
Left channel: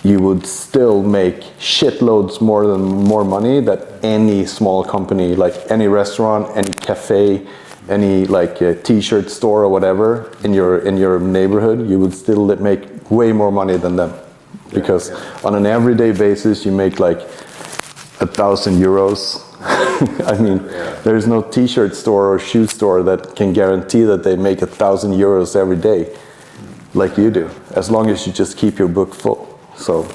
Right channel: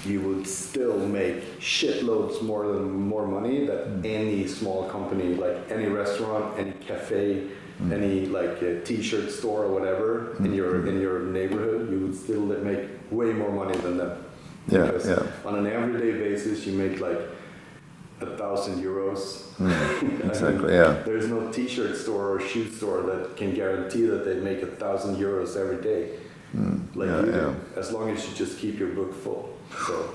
you would still make shitloads more money than any small company, like any restaurant, any cafe, any like t-shirt store or whatever in your neighborhood. You would still make way more money than them, because on an everyday basis you make like 1,000 euros. I mean, there's no t-shirt store or shoe store that can guarantee that they make 1,000 euros every day, like you do, as long as you just keep your book full. So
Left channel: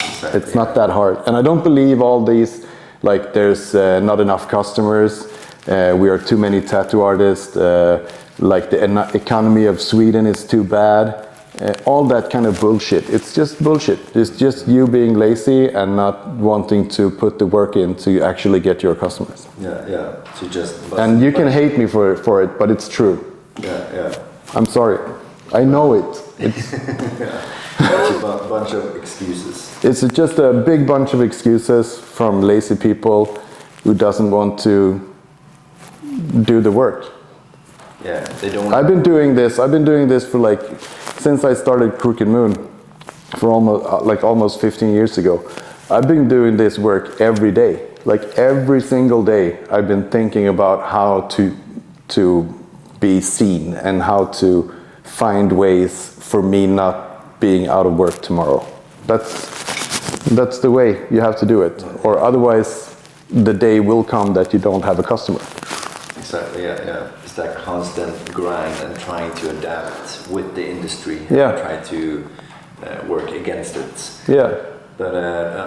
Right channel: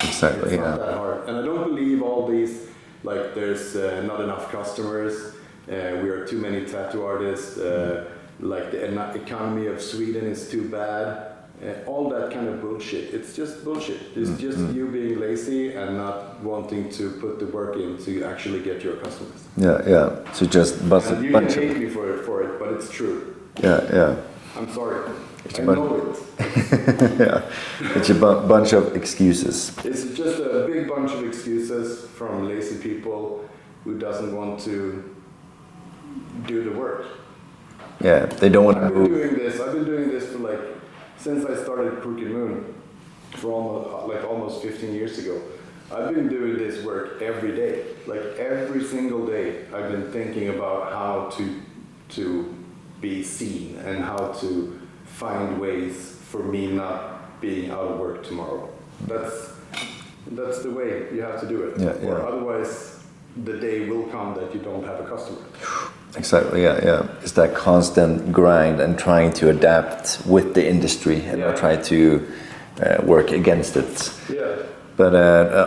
it's not that hard. And I don't believe all these, like there's not enough customers, we are too many tattoo artists, like the economy of Sweden is too bad. All that kind of bullshit. It's just bullshit. It's just you being lazy and not wanting to put the work in to actually get your customers. So and you can hate me for it, but it's true. I'm sorry. I know it. It's a bunch of excuses. It's just a big bunch of excuses from lazy people who doesn't want to do the work. They don't want I've been doing this for like since I started Crooked Moon for almost 15 years ago. I've been doing this work every day. Like every single day I've been thinking about how to be seen and how to find ways for me not being out of work tomorrow. That's the way you have to do it. Or otherwise the day will come that you don't have a customer. Exactly, It's that constant grind and trying to adapt with the industry and try to work against it. But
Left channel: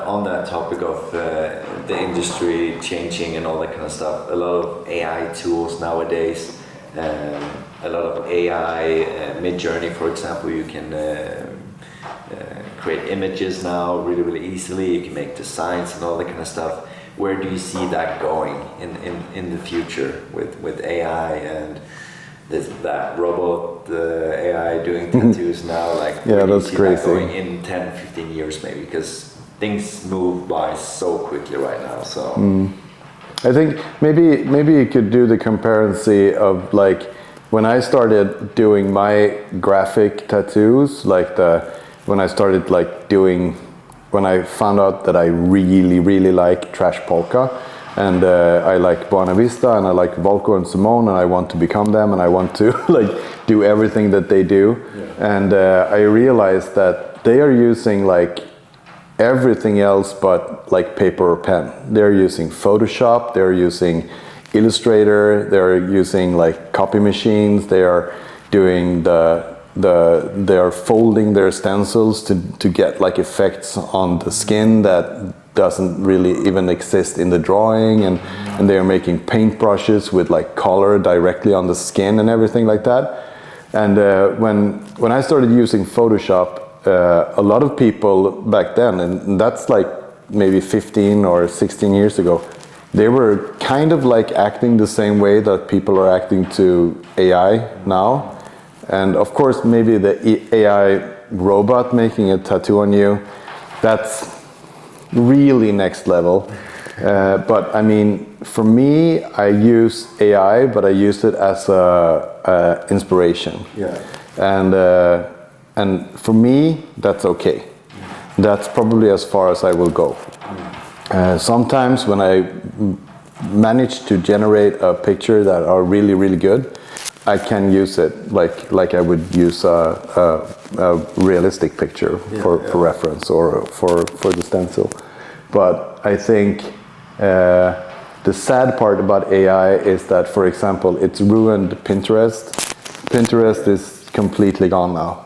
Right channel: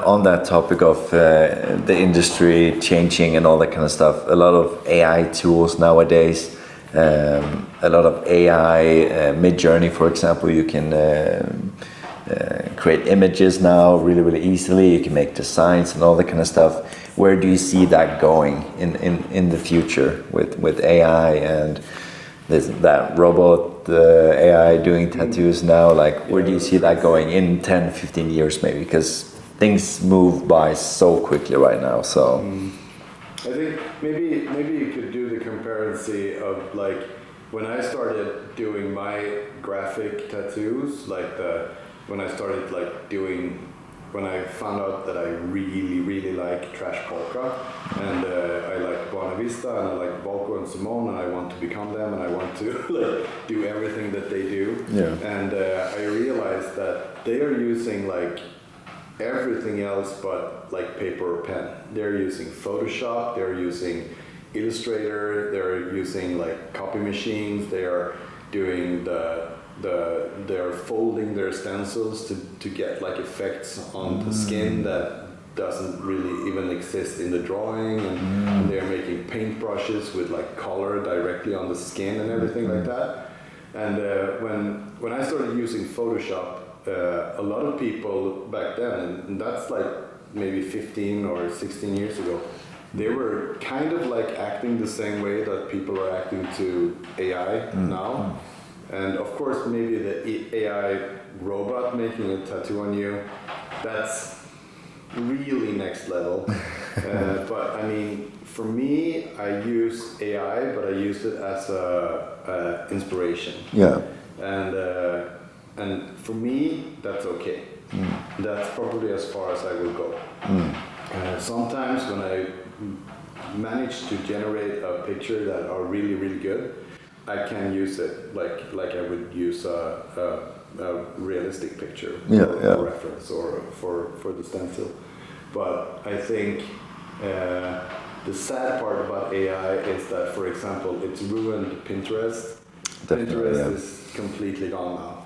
on that topic of the industry changing and all that kind of stuff, a lot of AI tools nowadays, a lot of AI mid-journey, for example, you can create images now really, really easily. You can make designs and all that kind of stuff. Where do you see that going in the future with AI and that robot AI doing tattoos now? Like, where do you see that going in 10, 15 years maybe? Because things move by so quickly right now. So I think maybe you could do the comparison of like when I started doing my graphic tattoos, like when I started like doing. When I found out that I really, really like trash polka, and I like Buena Vista, and I like Volko and Simone, and I want to become them, and I want to like do everything that they do. Yeah. And I realized that they are using like everything else but like paper or pen. They're using Photoshop, they're using Illustrator, they're using like copy machines, they are doing they are folding their stencils to get like effects on the skin that doesn't really even exist in the drawing, and they are making paintbrushes with like color directly on the skin and everything like that. And when I started using Photoshop, a lot of people back then, and that's like maybe 15 or 16 years ago, they were kind of like acting the same way that people are acting to AI now. And of course, maybe the AI robot making a tattoo on you, that's really next level. But I mean, for me, I use AI, but I use it as a inspiration. Yeah. And for me, that's okay. That's probably as far as I will go. Sometimes when I manage to generate a picture that are really, really good, I can use it like I would use a realistic picture for reference or for the stencil. But I think the sad part about AI is that, for example, it's ruined Pinterest. Pinterest is completely gone now.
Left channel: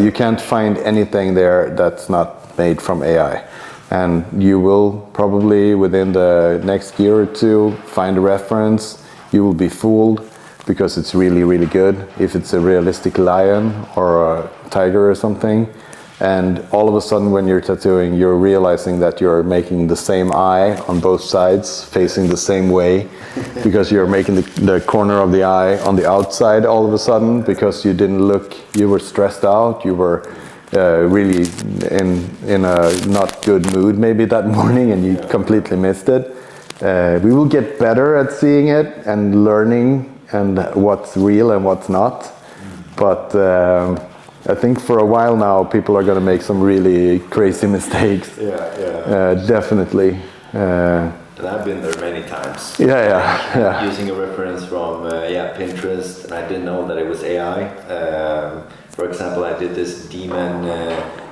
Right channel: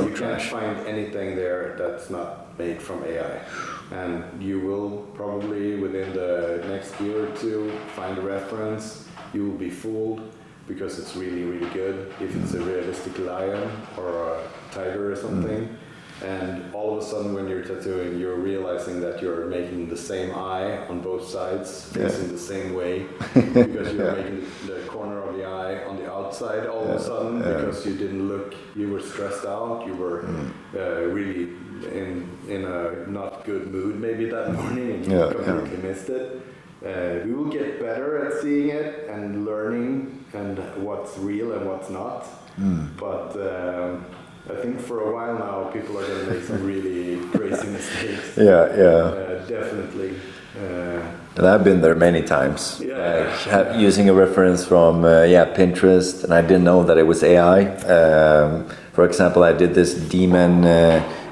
You can't find anything there that's not made from AI. And you will probably within the next year or two find a reference. You will be fooled because it's really, really good. If it's a realistic lion or a tiger or something. And all of a sudden when you're tattooing, you're realizing that you're making the same eye on both sides, facing the same way, because you're making the corner of the eye on the outside all of a sudden, because you didn't look, you were stressed out, you were really in a not good mood maybe that morning, and you completely missed it. We will get better at seeing it and learning and what's real and what's not. But I think for a while now, people are going to make some really crazy mistakes. Definitely. And I've been there many times. Using a reference from Pinterest, and I didn't know that it was AI. For example, I did this demon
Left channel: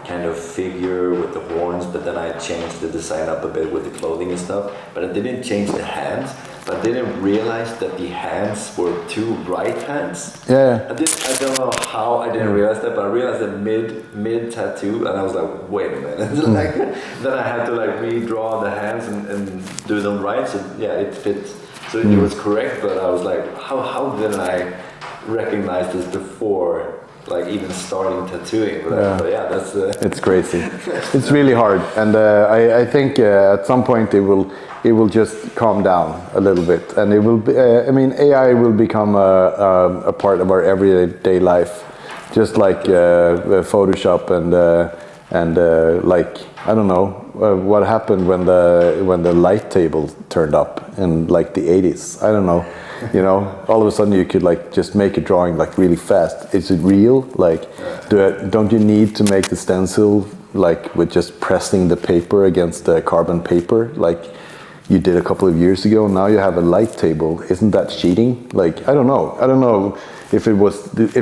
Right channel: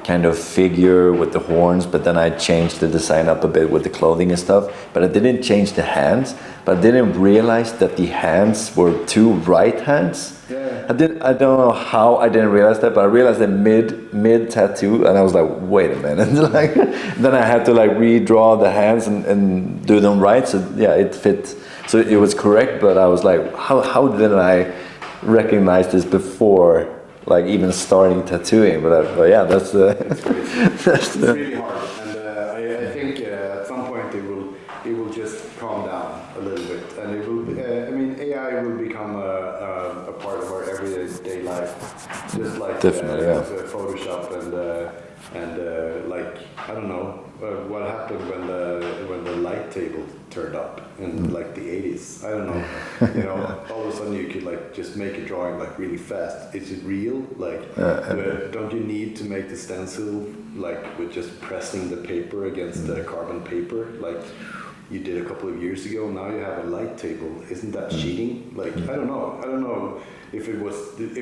kind of figure with the horns, but then I changed the design up a bit with the clothing and stuff. But I didn't change the hands. But I didn't realize that the hands were two right hands. I don't know how I didn't realize that, but I realized that mid tattoo, and I was like, wait a minute. Then I had to like redraw the hands and do them right. So it fit. So it was correct, but I was like, how didn't I recognize this before? Like even starting tattooing, but that's it's crazy. It's really hard, and I think at some point it will just calm down a little bit, and it will be, I mean, AI will become a part of our everyday life, just like Photoshop and like I don't know what happened when the light table turned up in like the 80s. I don't know. You know, all of a sudden you could like just make a drawing like really fast. Is it real? Like, don't you need to make the stencil like with just pressing the paper against the carbon paper like you did a couple of years ago? Now you have a light table. Isn't that cheating? Like, I don't know if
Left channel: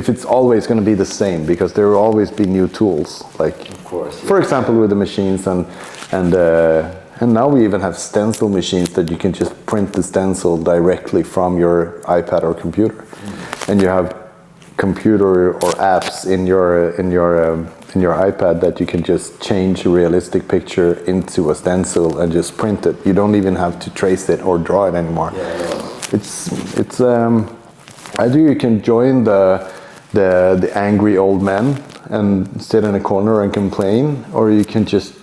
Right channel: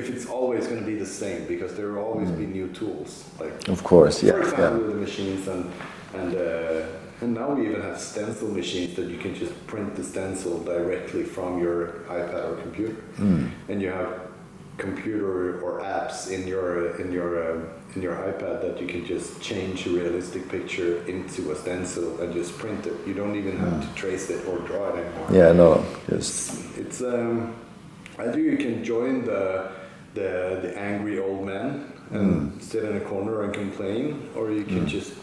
it's always going to be the same, because there will always be new tools. Like, of course, for example, with the machines and now we even have stencil machines that you can just print the stencil directly from your iPad or computer, and you have computer or apps in your iPad that you can just change a realistic picture into a stencil and just print it. You don't even have to trace it or draw it anymore. It's either you can join the angry old men and sit in a corner and complain, or you can just,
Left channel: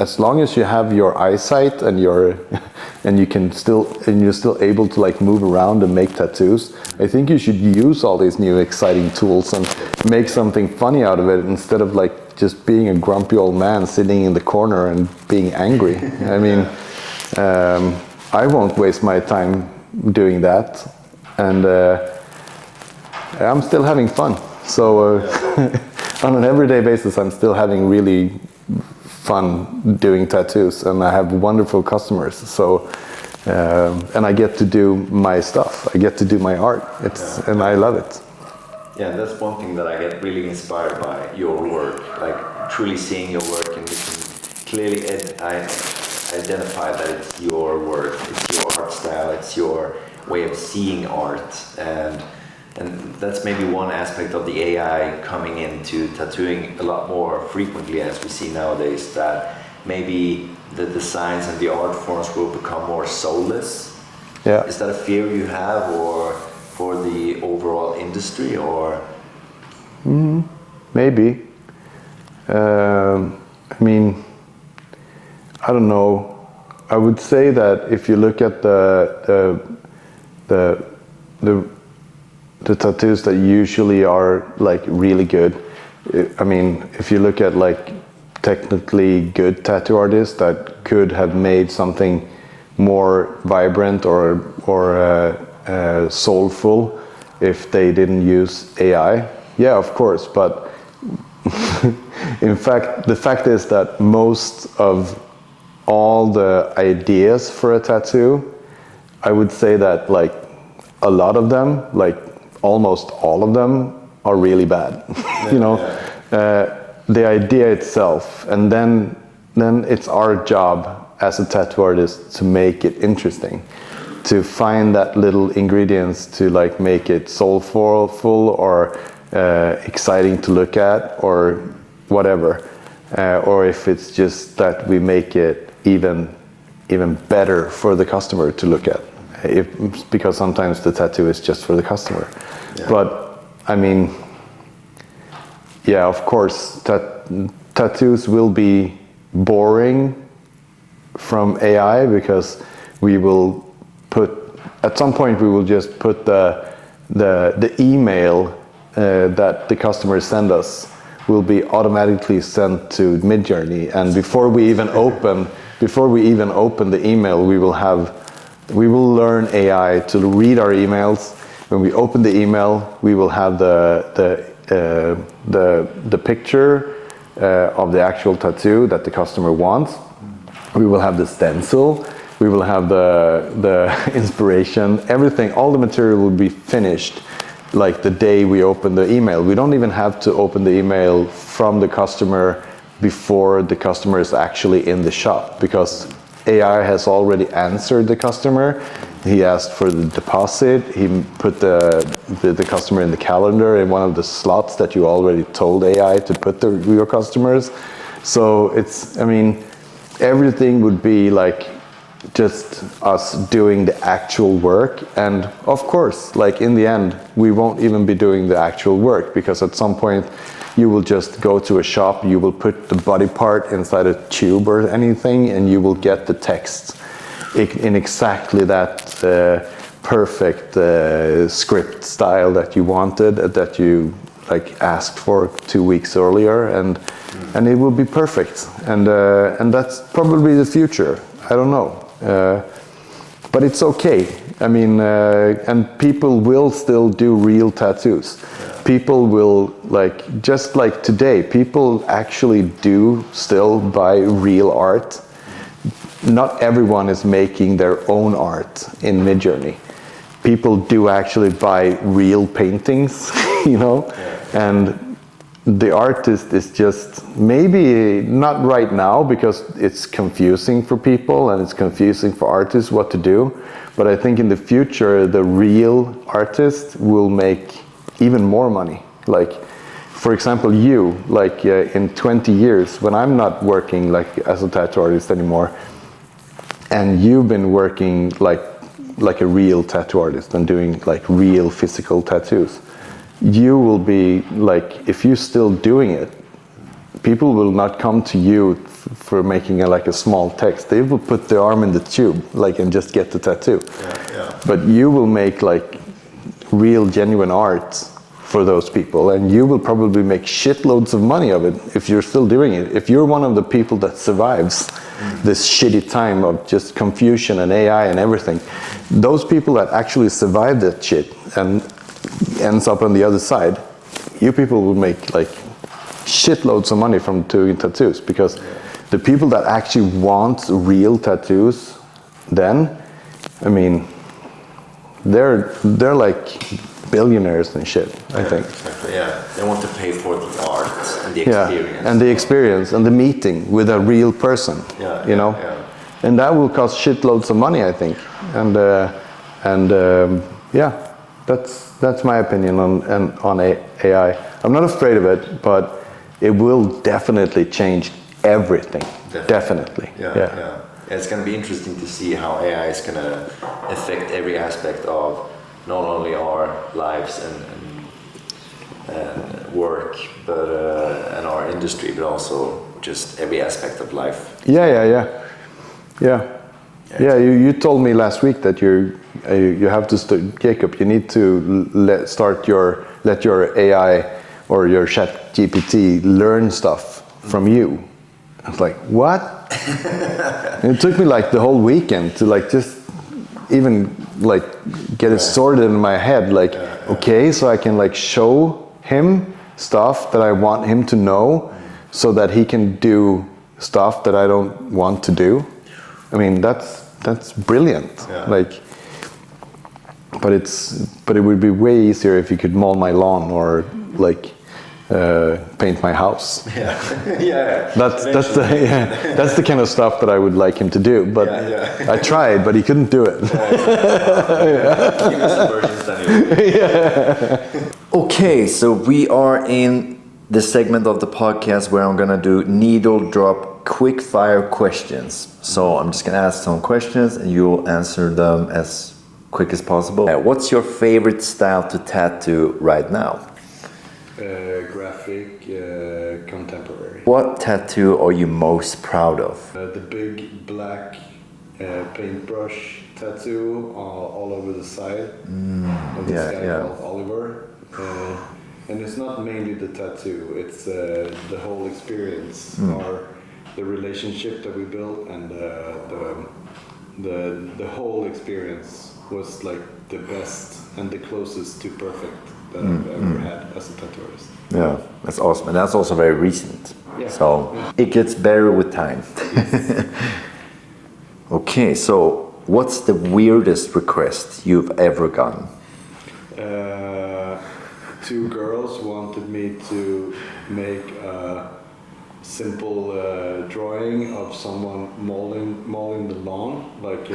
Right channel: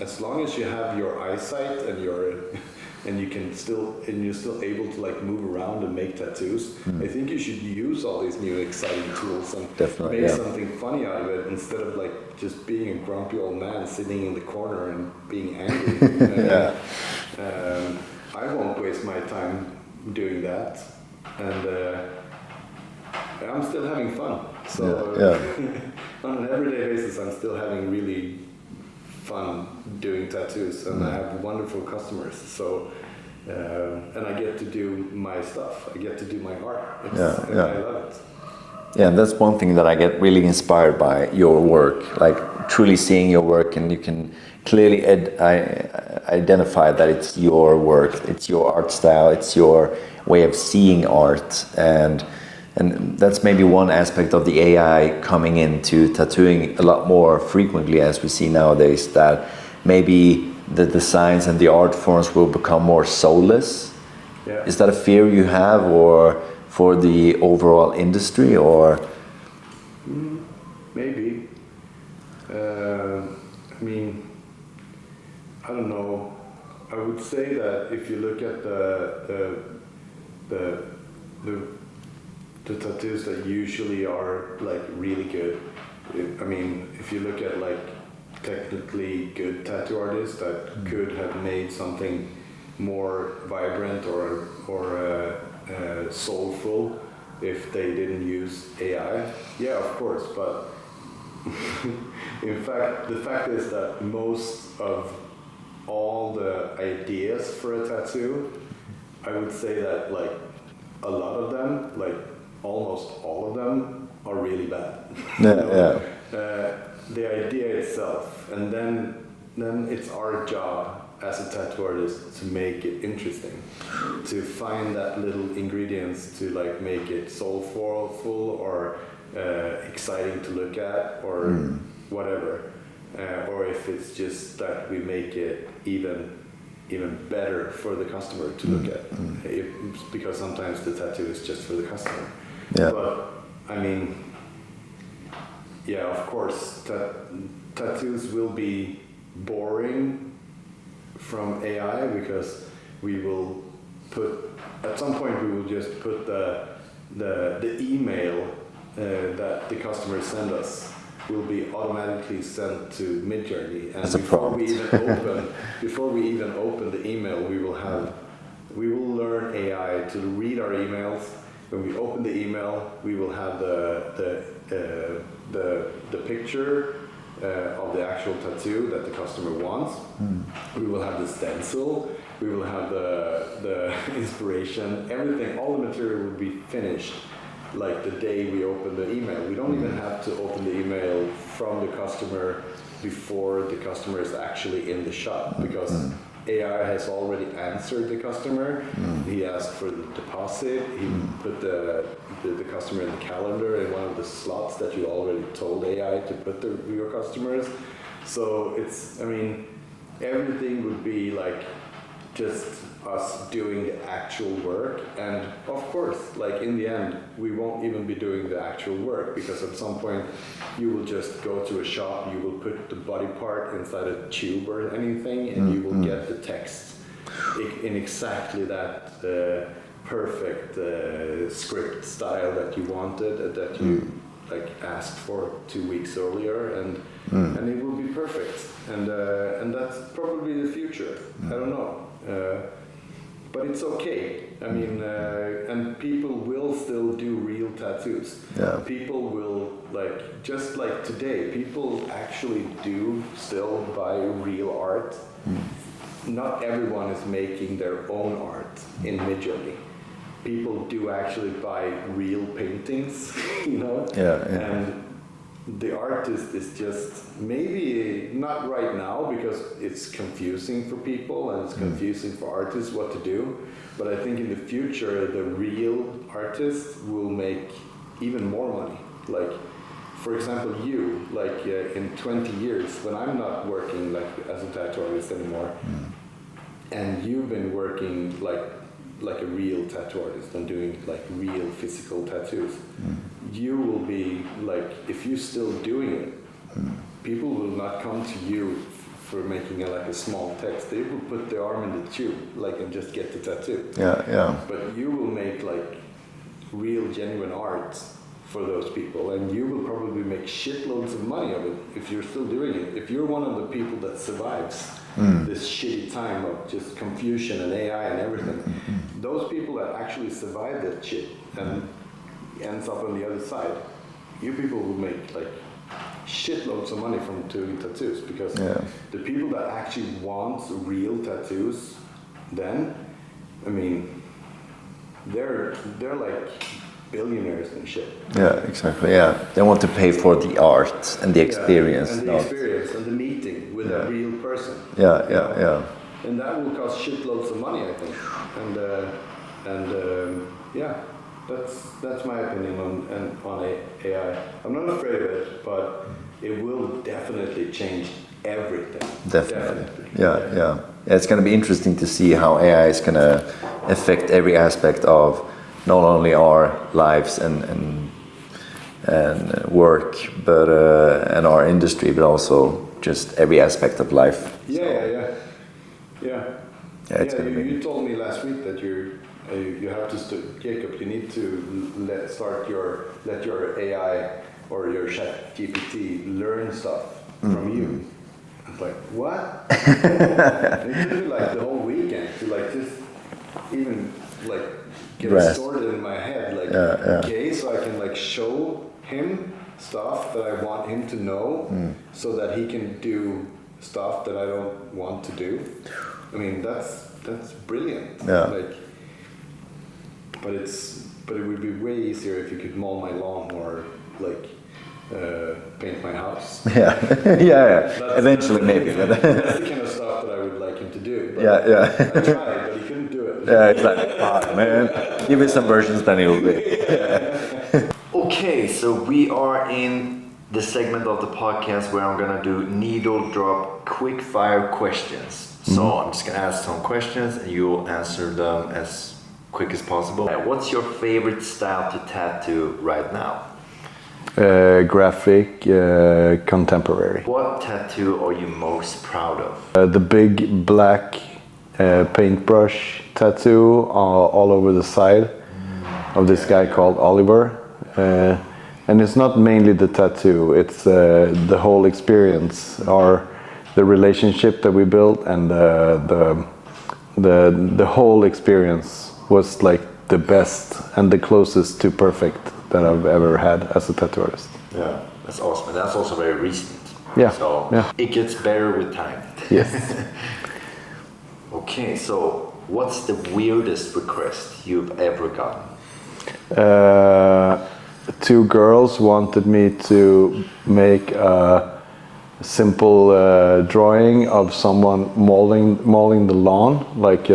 as long as you have your eyesight and you're still able to like move around and make tattoos, I think you should use all these new exciting tools and make something funny out of it, instead of like just being a grumpy old man sitting in the corner and being angry. I mean, I won't waste my time doing that, and I'm still having fun. So on an everyday basis, I'm still having really fun doing tattoos, and I have wonderful customers. So and I get to do my stuff. I get to do my art. And I love it. Yeah, and that's one thing that I get really inspired by your work. Like truly seeing your work, and you can clearly identify that it's your work, it's your art style, it's your way of seeing art, and that's maybe one aspect of the AI coming into tattooing a lot more frequently, as we see nowadays, that maybe the designs and the art forms will become more soulless. Yeah. Is that a fear you have, or for the overall industry, or? Maybe. I mean, I don't know. I would say that if you look at the tattoos that usually are like really good, I mean, if you look at like technically good tattoo artists that could have made something more vibrant or soulful if they didn't use AI, yeah, of course. But in fact, the fact is that most of all the ideas for a tattoo, I would say that like a lot of them, like almost all of them, are really bad. The idea itself, and then it's our job as a tattoo artist to make it interesting, to find that little ingredients to like make it soulful or exciting to look at, or whatever, or if it's just that we make it even better for the customer to look at, because sometimes the tattoo is just for the customer. Yeah. But I mean, yeah, of course, tattoos will be boring from AI, because we will at some point we will just put the email that the customers send us will be automatically sent to Midjourney, and before we even open the email, we will learn AI to read our emails. When we open the email, we will have the picture of the actual tattoo that the customer wants. We will have the stencil. We will have the inspiration. Everything, all the material will be finished like the day we open the email. We don't even have to open the email from the customer before the customer is actually in the shop, because AI has already answered the customer. He asked for the deposit. He put the customer in the calendar in one of the slots that you already told AI to put your customers. So it's, I mean, everything would be like just us doing the actual work. And of course, like in the end, we won't even be doing the actual work, because at some point you will just go to a shop, you will put the body part inside a tube or anything, and you will get the text in exactly that perfect script style that you wanted, that you like asked for 2 weeks earlier, and it will be perfect. And that's probably the future. I don't know. But it's okay. I mean, and people will still do real tattoos. Yeah. People will, like, just like today, people actually do still buy real art. Not everyone is making their own art in Midjourney. People do actually buy real paintings, you know? Yeah. And the artist is just, maybe not right now, because it's confusing for people and it's confusing for artists what to do. But I think in the future, the real artist will make even more money. Like, for example, you, like in 20 years, when I'm not working like as a tattoo artist anymore, and you've been working like a real tattoo artist and doing like real physical tattoos, you will be like, if you're still doing it, people will not come to you for making a small text. They will put their arm in the tube, like, and just get the tattoo. Yeah. But you will make like real, genuine art for those people, and you will probably make shitloads of money of it if you're still doing it. If you're one of the people that survives this shitty time of just confusion and AI and everything, those people that actually survive that shit and ends up on the other side, you people will make like shitloads of money from doing tattoos, because the people that actually want real tattoos, then I mean, they're like billionaires and shit. I think. Exactly. Yeah, they want to pay for the art and the experience. And the experience and the meeting with a real person. You know. Yeah. And that will cost shitloads of money, I think. And yeah, that's my opinion on AI. I'm not afraid of it, but it will definitely change everything. Definitely. Yeah. It's going to be interesting to see how AI is going to affect every aspect of not only our lives and work, but and our industry, but also just every aspect of life. Yeah. You told me last week that you have to Jacob. You need to let your AI or your Chat GPT learn stuff from you. I was like, what? And it took me like the whole weekend to like just even like get it sorted in my head. Like, okay, so I can like show him stuff that I want him to know, so that he can do stuff that I don't want to do. I mean, that's brilliant. Yeah. Like, but it would be way easier if you could mow my lawn or like paint my house. Yeah. That's the kind of stuff that I would like him to do. But I tried, but he couldn't do it. Yeah, exactly. Give me some versions, then he'll do it. Okay, so we are in the segment of the podcast where I'm gonna do needle drop quick fire questions. So I'm just gonna ask some questions and you'll answer them as quick as possible. What's your favorite style to tattoo right now? Graphic, contemporary. What tattoo are you most proud of? The big black paintbrush tattoo all over the side of this guy called Oliver. And it's not mainly the tattoo, it's the whole experience, or the relationship that we built, and the whole experience was like the best and the closest to perfect that I've ever had as a tattoo artist. Yeah, that's awesome. And that's also very recent. Yeah. So it gets better with time. Yes. Okay, so what's the weirdest request you've ever gotten? Two girls wanted me to make a simple drawing of someone mowing the lawn, like,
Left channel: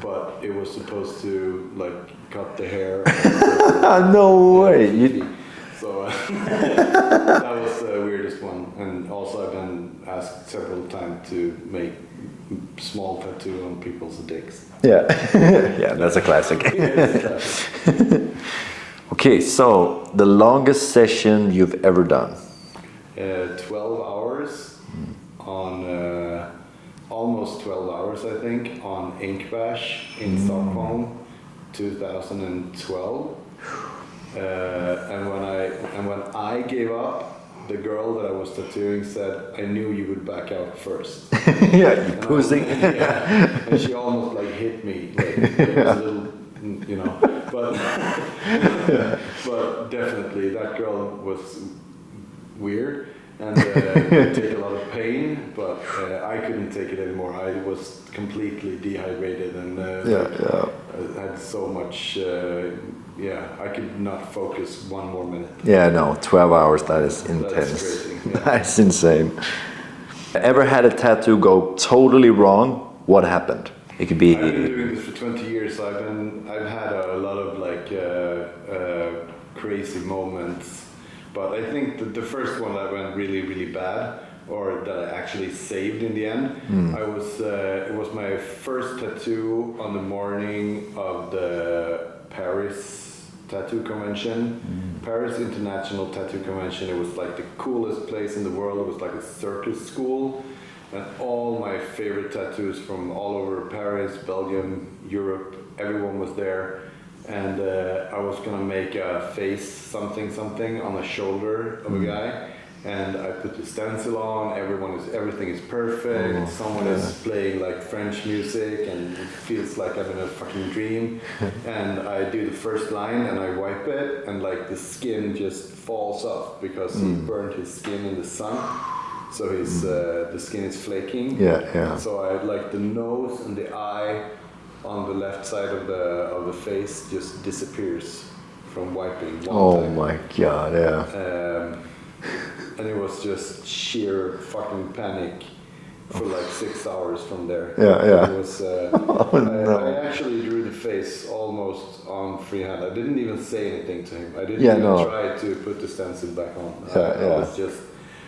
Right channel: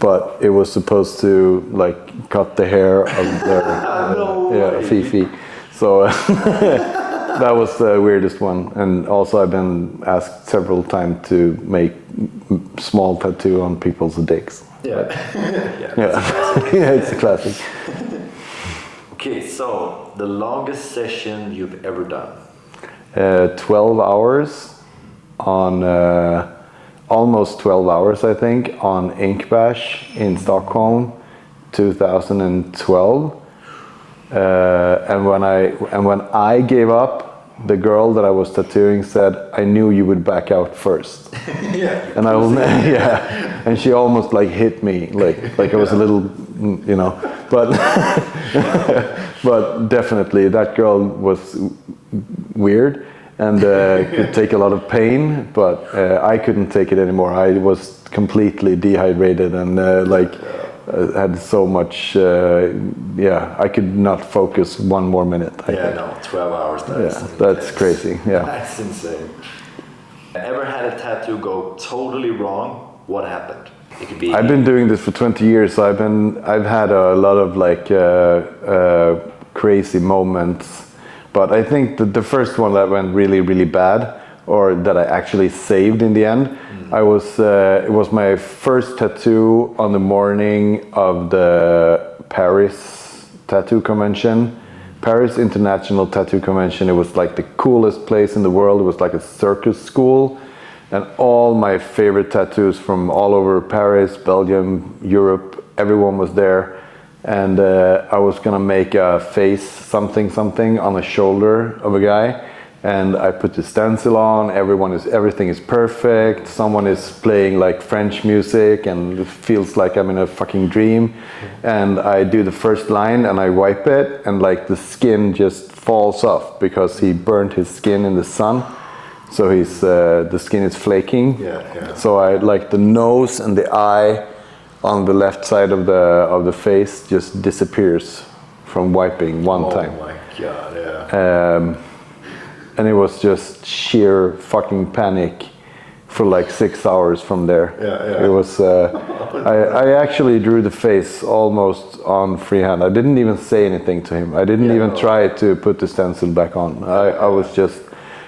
but it was supposed to like cut the hair of their no way. Fifi. So that was the weirdest one. And also I've been asked several times to make small tattoo on people's dicks. Yeah, that's a classic. Yeah, it's a classic. Okay, so the longest session you've ever done? 12 hours on, almost 12 hours I think, on Inkbyted in Stockholm, 2012. And when I gave up, the girl that I was tattooing said, "I knew you would back out first." And I was, and she almost like hit me, like it was a little, you know, but but definitely that girl was weird and could take a lot of pain, but I couldn't take it anymore. I was completely dehydrated and had so much, I could not focus one more minute. 12 hours, that is intense. That's crazy. Yeah. That's insane. Ever had a tattoo go totally wrong? What happened? It could be. I've been doing this for 20 years. So I've had a lot of like crazy moments, but I think that the first one that went really, really bad, or that I actually saved in the end, it was my first tattoo on the morning of the Paris Tattoo Convention. Paris International Tattoo Convention. It was like the coolest place in the world. It was like a circus school, and all my favorite tattoos from all over Paris, Belgium, Europe, everyone was there. And I was gonna make a face something on the shoulder of a guy, and I put the stencil on. Everything is perfect. Someone is playing like French music, and it feels like I'm in a fucking dream. And I do the first line, and I wipe it, and like the skin just falls off because he burned his skin in the sun. So the skin is flaking. Yeah. So I like the nose and the eye on the left side of the face just disappears from wiping one time. Oh my god, yeah. And it was just sheer fucking panic for like 6 hours from there. Yeah. It was. I actually drew the face almost on freehand. I didn't even say anything to him. I didn't even try to put the stencil back on. I was just.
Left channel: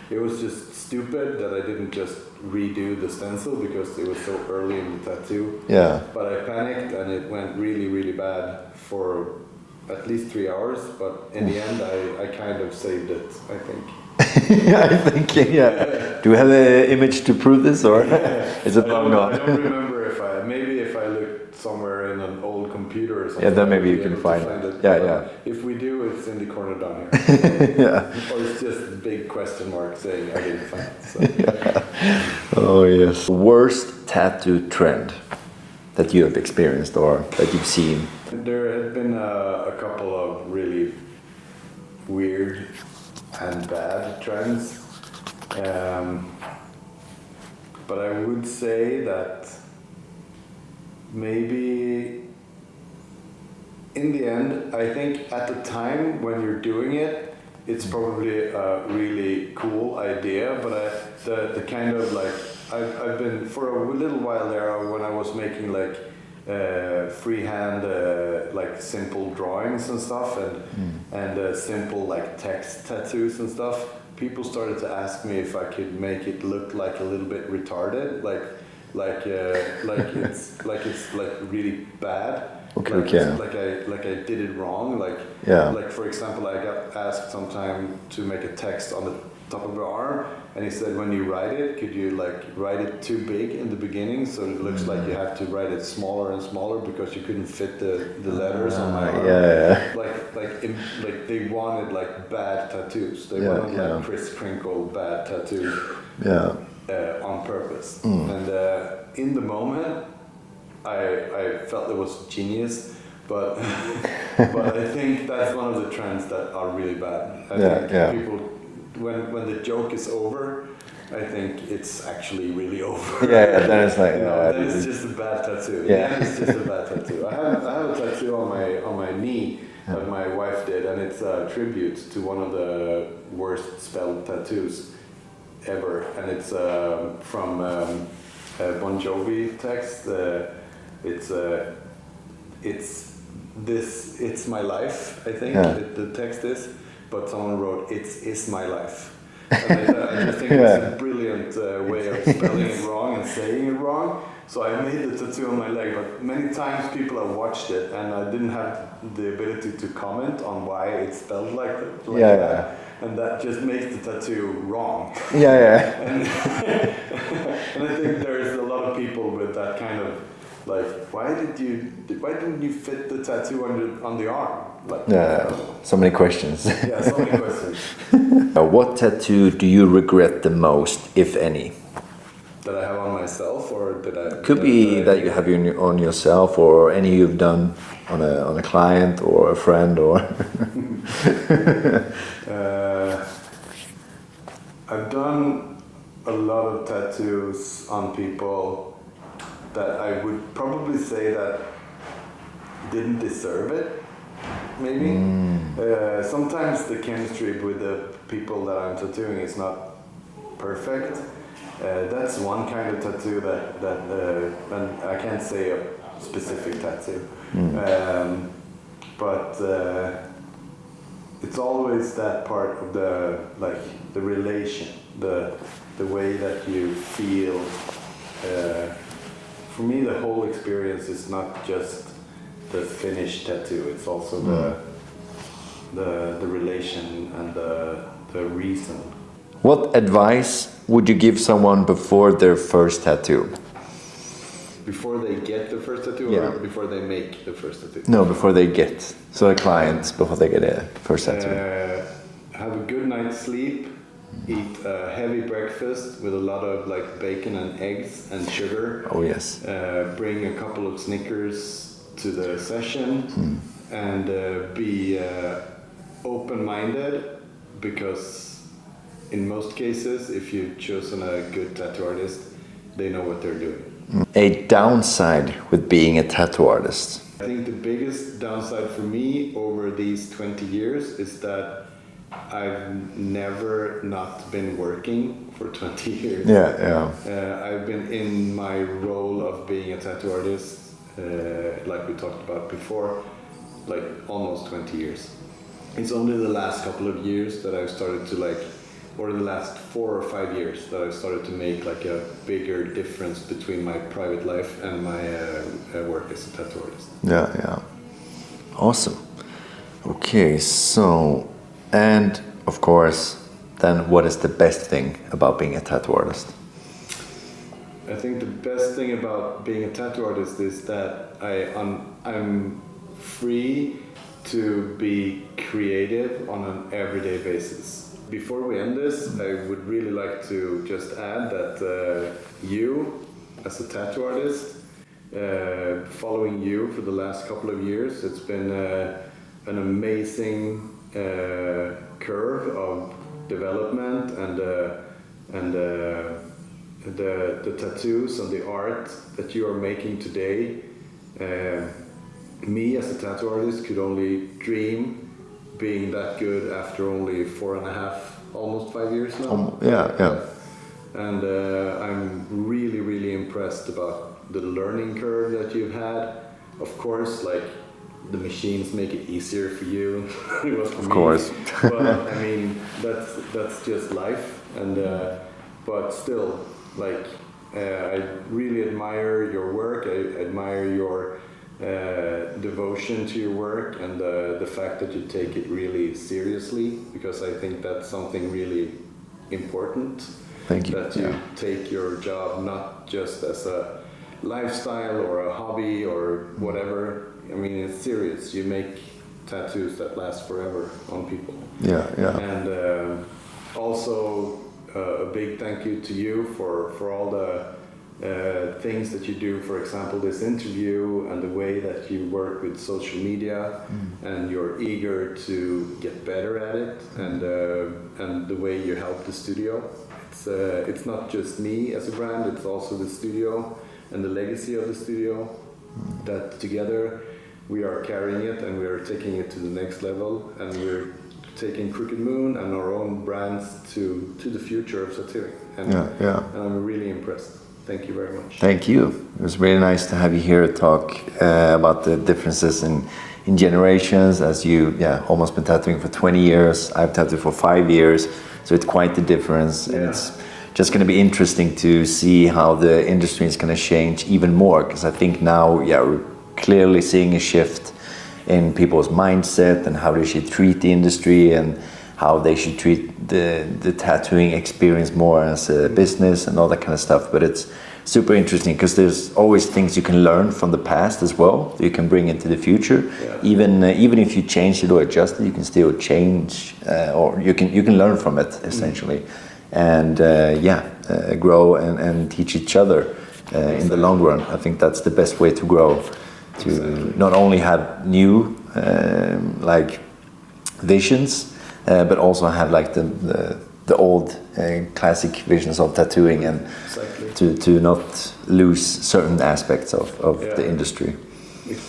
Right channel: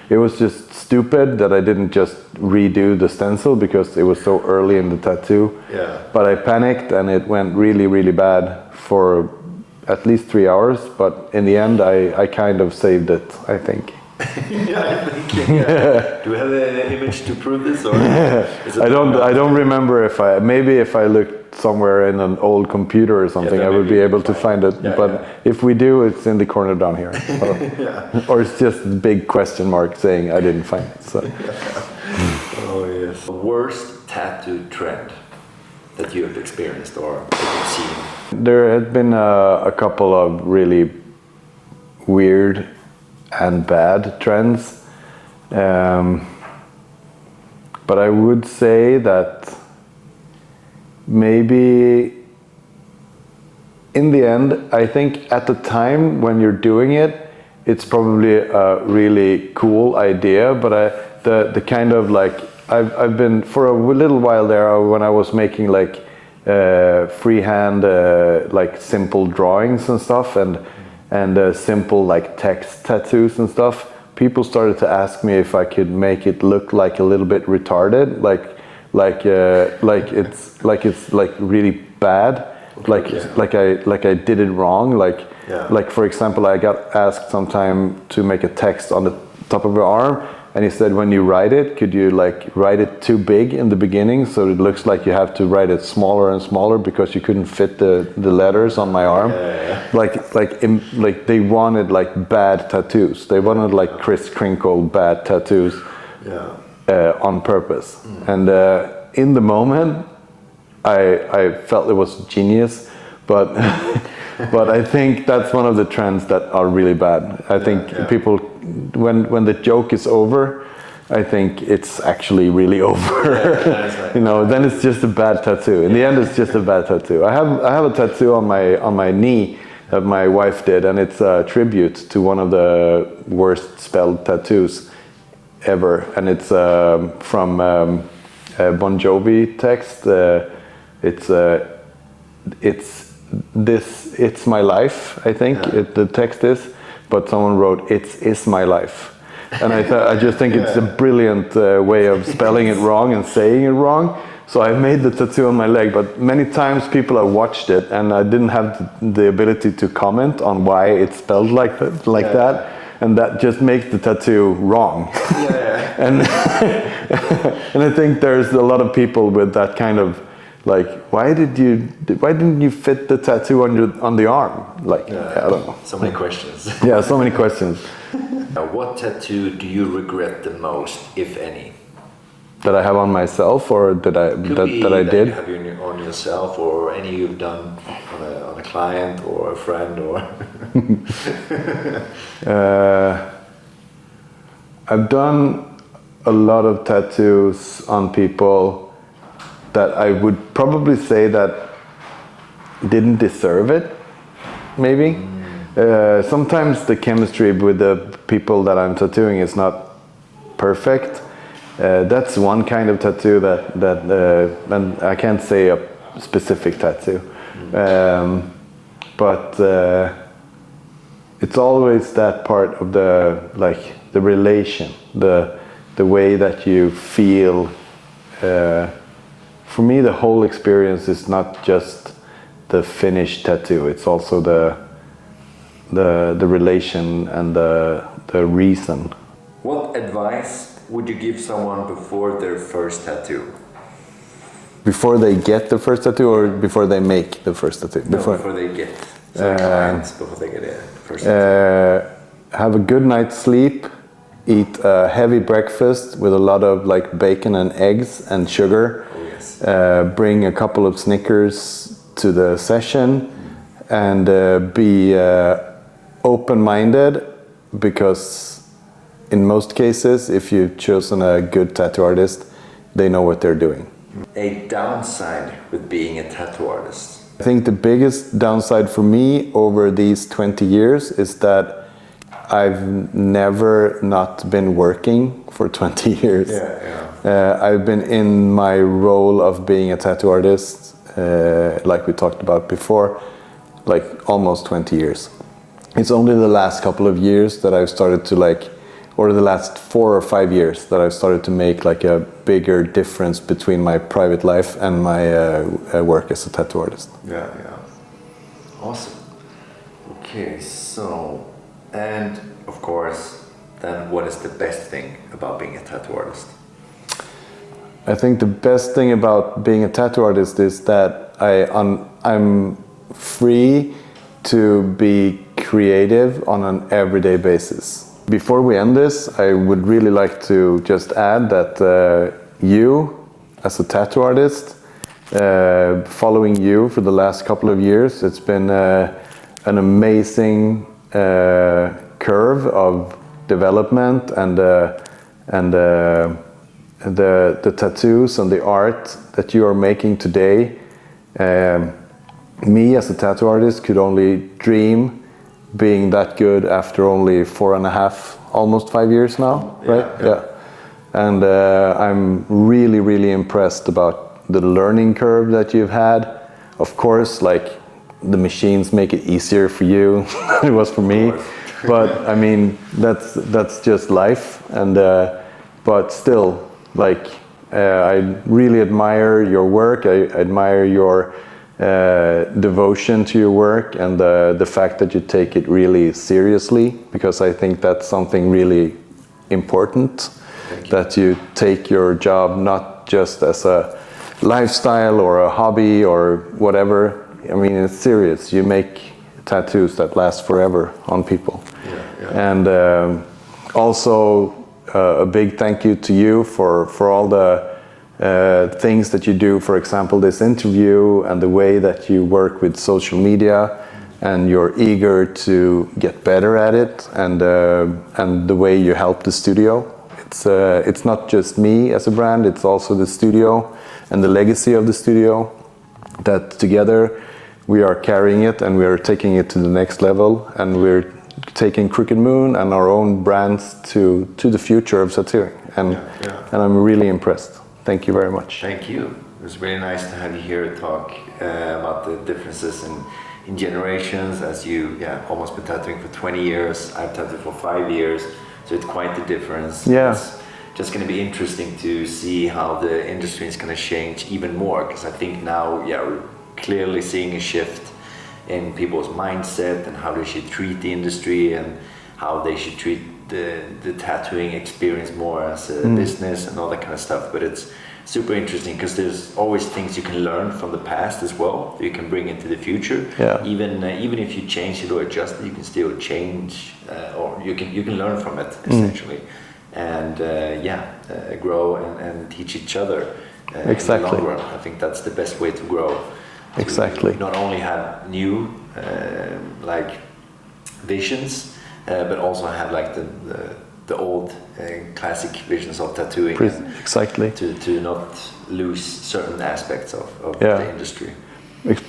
It was just stupid that I didn't just redo the stencil because it was so early in the tattoo. Yeah. But I panicked and it went really, really bad for at least 3 hours. But in the end, I kind of saved it, I think. I think, yeah. Do you have an image to prove this, or is it? I don't remember if I looked somewhere in an old computer or something, I would be able to find it. But if we do, it's in the corner down here. Or it's just a big question mark saying I didn't find it. So. Oh yes. Worst tattoo trend that you have experienced or that you've seen? There had been a couple of really weird and bad trends, but I would say that maybe in the end, I think at the time when you're doing it, it's probably a really cool idea, but the kind of like I've been for a little while there when I was making like freehand like simple drawings and stuff and simple like text tattoos and stuff. People started to ask me if I could make it look like a little bit retarded, like it's really bad, like I did it wrong, like for example, I got asked sometime to make a text on the top of your arm. And he said, when you write it, could you like write it too big in the beginning so it looks like you have to write it smaller and smaller because you couldn't fit the letters on my arm? Like they wanted like bad tattoos. They wanted like Kris Kringle bad tattoos on purpose. And in the moment, I felt it was genius, but but I think that's one of the trends that are really bad. I think people, when the joke is over, I think it's actually really over. Then it's like, then it's just a bad tattoo. In the end, it's just a bad tattoo. I have a tattoo on my knee that my wife did, and it's a tribute to one of the worst spelled tattoos ever, and it's from Bon Jovi text. It's my life, I think the text is, but someone wrote is my life, and I just think it's a brilliant way of spelling it wrong and saying it wrong. So I made the tattoo on my leg, but many times people have watched it and I didn't have the ability to comment on why it's spelled like that. And that just makes the tattoo wrong. And and I think there's a lot of people with that kind of like, why didn't you fit the tattoo on the arm? Like, I don't know. So many questions. So many questions. What tattoo do you regret the most, if any? That I have on myself, or that I Could be that did? you have on yourself, or any you've done on a client or a friend, or. I've done a lot of tattoos on people that I would probably say that didn't deserve it, maybe. Sometimes the chemistry with the people that I'm tattooing is not perfect. That's one kind of tattoo and I can't say a specific tattoo, but it's always that part of the relation, the way that you feel. For me, the whole experience is not just the finished tattoo. It's also the relation and the reason. What advice would you give someone before their first tattoo? Before they get the first tattoo, or before they make the first tattoo? No, before they get. So clients, before they get a first tattoo. Have a good night's sleep. Eat a heavy breakfast with a lot of like bacon and eggs and sugar. Oh yes. Bring a couple of Snickers to the session, and be open-minded, because in most cases, if you've chosen a good tattoo artist, they know what they're doing. A downside with being a tattoo artist? I think the biggest downside for me over these 20 years is that I've never not been working for 20 years. I've been in my role of being a tattoo artist, like we talked about before, like almost 20 years. It's only the last couple of years that I've started to or the last 4 or 5 years that I've started to make like a bigger difference between my private life and my work as a tattoo artist. Yeah. Awesome. Okay, so, and of course, then what is the best thing about being a tattoo artist? I think the best thing about being a tattoo artist is that I'm free to be creative on an everyday basis. Before we end this, I would really like to just add that you, as a tattoo artist, following you for the last couple of years, it's been an amazing curve of development and the tattoos and the art that you are making today. Me as a tattoo artist could only dream being that good after only 4.5, almost 5 years now. Yeah. And I'm really, really impressed about the learning curve that you've had. Of course, like the machines make it easier for you than it was for me. Of course. But I mean, that's just life. And but still, like I really admire your work. I admire your devotion to your work and the fact that you take it really seriously, because I think that's something really important. Thank you. That you take your job not just as a lifestyle or a hobby or whatever. I mean, it's serious. You make tattoos that last forever on people. Yeah. And also a big thank you to you for all the things that you do. For example, this interview and the way that you work with social media, and you're eager to get better at it, and the way you help the studio. It's not just me as a brand, it's also the studio and the legacy of the studio, that together we are carrying it and we are taking it to the next level, and we're taking Crooked Moon and our own brands to the future of tattooing. And I'm really impressed. Thank you very much. Thank you. It was really nice to have you here to talk about the differences in generations, as you almost been tattooing for 20 years. I've tattooed for 5 years, so it's quite the difference. Yeah. It's just going to be interesting to see how the industry is going to change even more, because I think now we're clearly seeing a shift in people's mindset and how they should treat the industry and how they should treat the tattooing experience more as a business and all that kind of stuff. But it's super interesting because there's always things you can learn from the past as well, you can bring into the future. Even if you change it or adjust it, you can still change, or you can learn from it essentially. And grow and teach each other in the long run. I think that's the best way to grow. To not only have new visions, but also have like the old classic visions of tattooing, and to not lose certain aspects of the industry.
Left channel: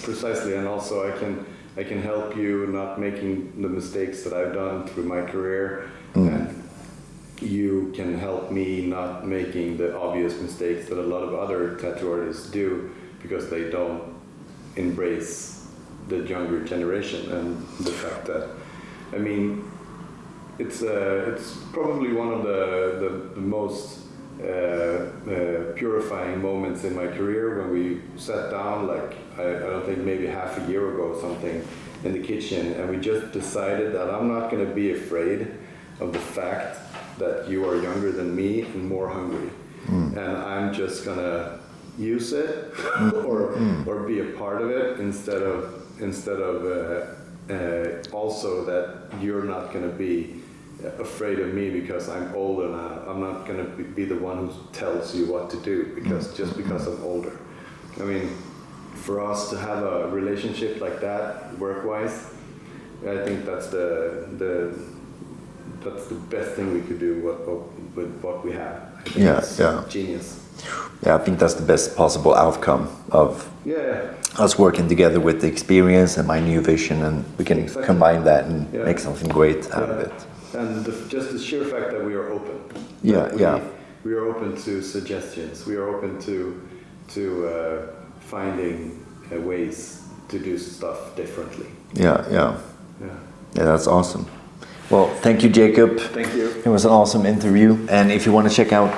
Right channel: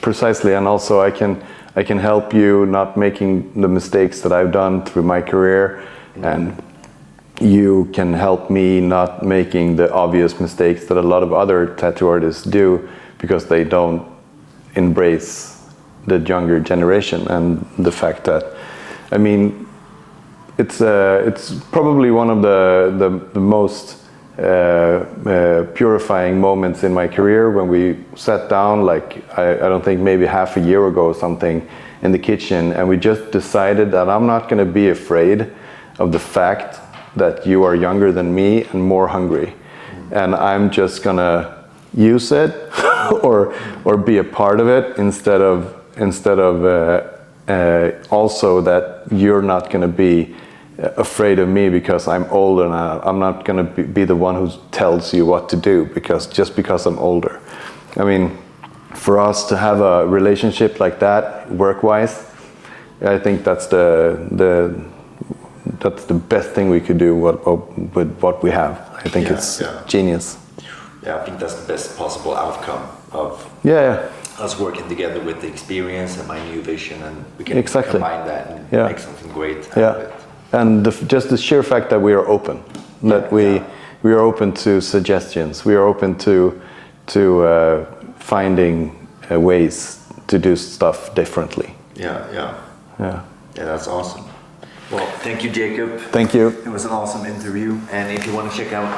Precisely, and also I can help you not making the mistakes that I've done through my career, and you can help me not making the obvious mistakes that a lot of other tattoo artists do, because they don't embrace the younger generation. And the fact that, I mean, it's probably one of the most purifying moments in my career when we sat down, like I don't think maybe half a year ago or something, in the kitchen, and we just decided that I'm not going to be afraid of the fact that you are younger than me and more hungry, and I'm just gonna use it or be a part of it instead of also that you're not gonna be afraid of me because I'm older, and I'm not gonna be the one who tells you what to do because I'm older. I mean, for us to have a relationship like that, work-wise, I think that's the best thing we could do with what we have. I think it's genius. Yeah, I think that's the best possible outcome of us working together with the experience and my new vision, and we can combine that and make something great out of it. And just the sheer fact that we are open, that we are open to suggestions, we are open to finding ways to do stuff differently. Yeah, that's awesome. Well, thank you, Jacob. Thank you. It was an awesome interview. And if you want to check out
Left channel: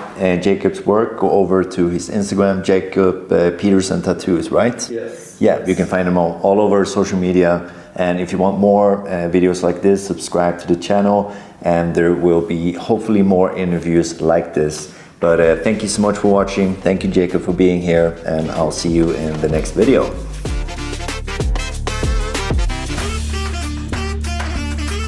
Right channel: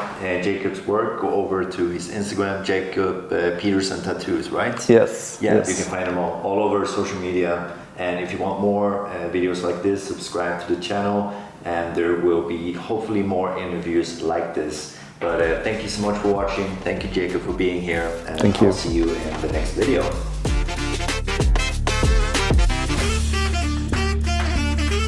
Jacob's work, go over to his Instagram, Jacob Pedersen Tattoos, right? Yes. Yeah, you can find him all over social media. And if you want more videos like this, subscribe to the channel. And there will be hopefully more interviews like this. But thank you so much for watching. Thank you, Jacob, for being here. And I'll see you in the next video.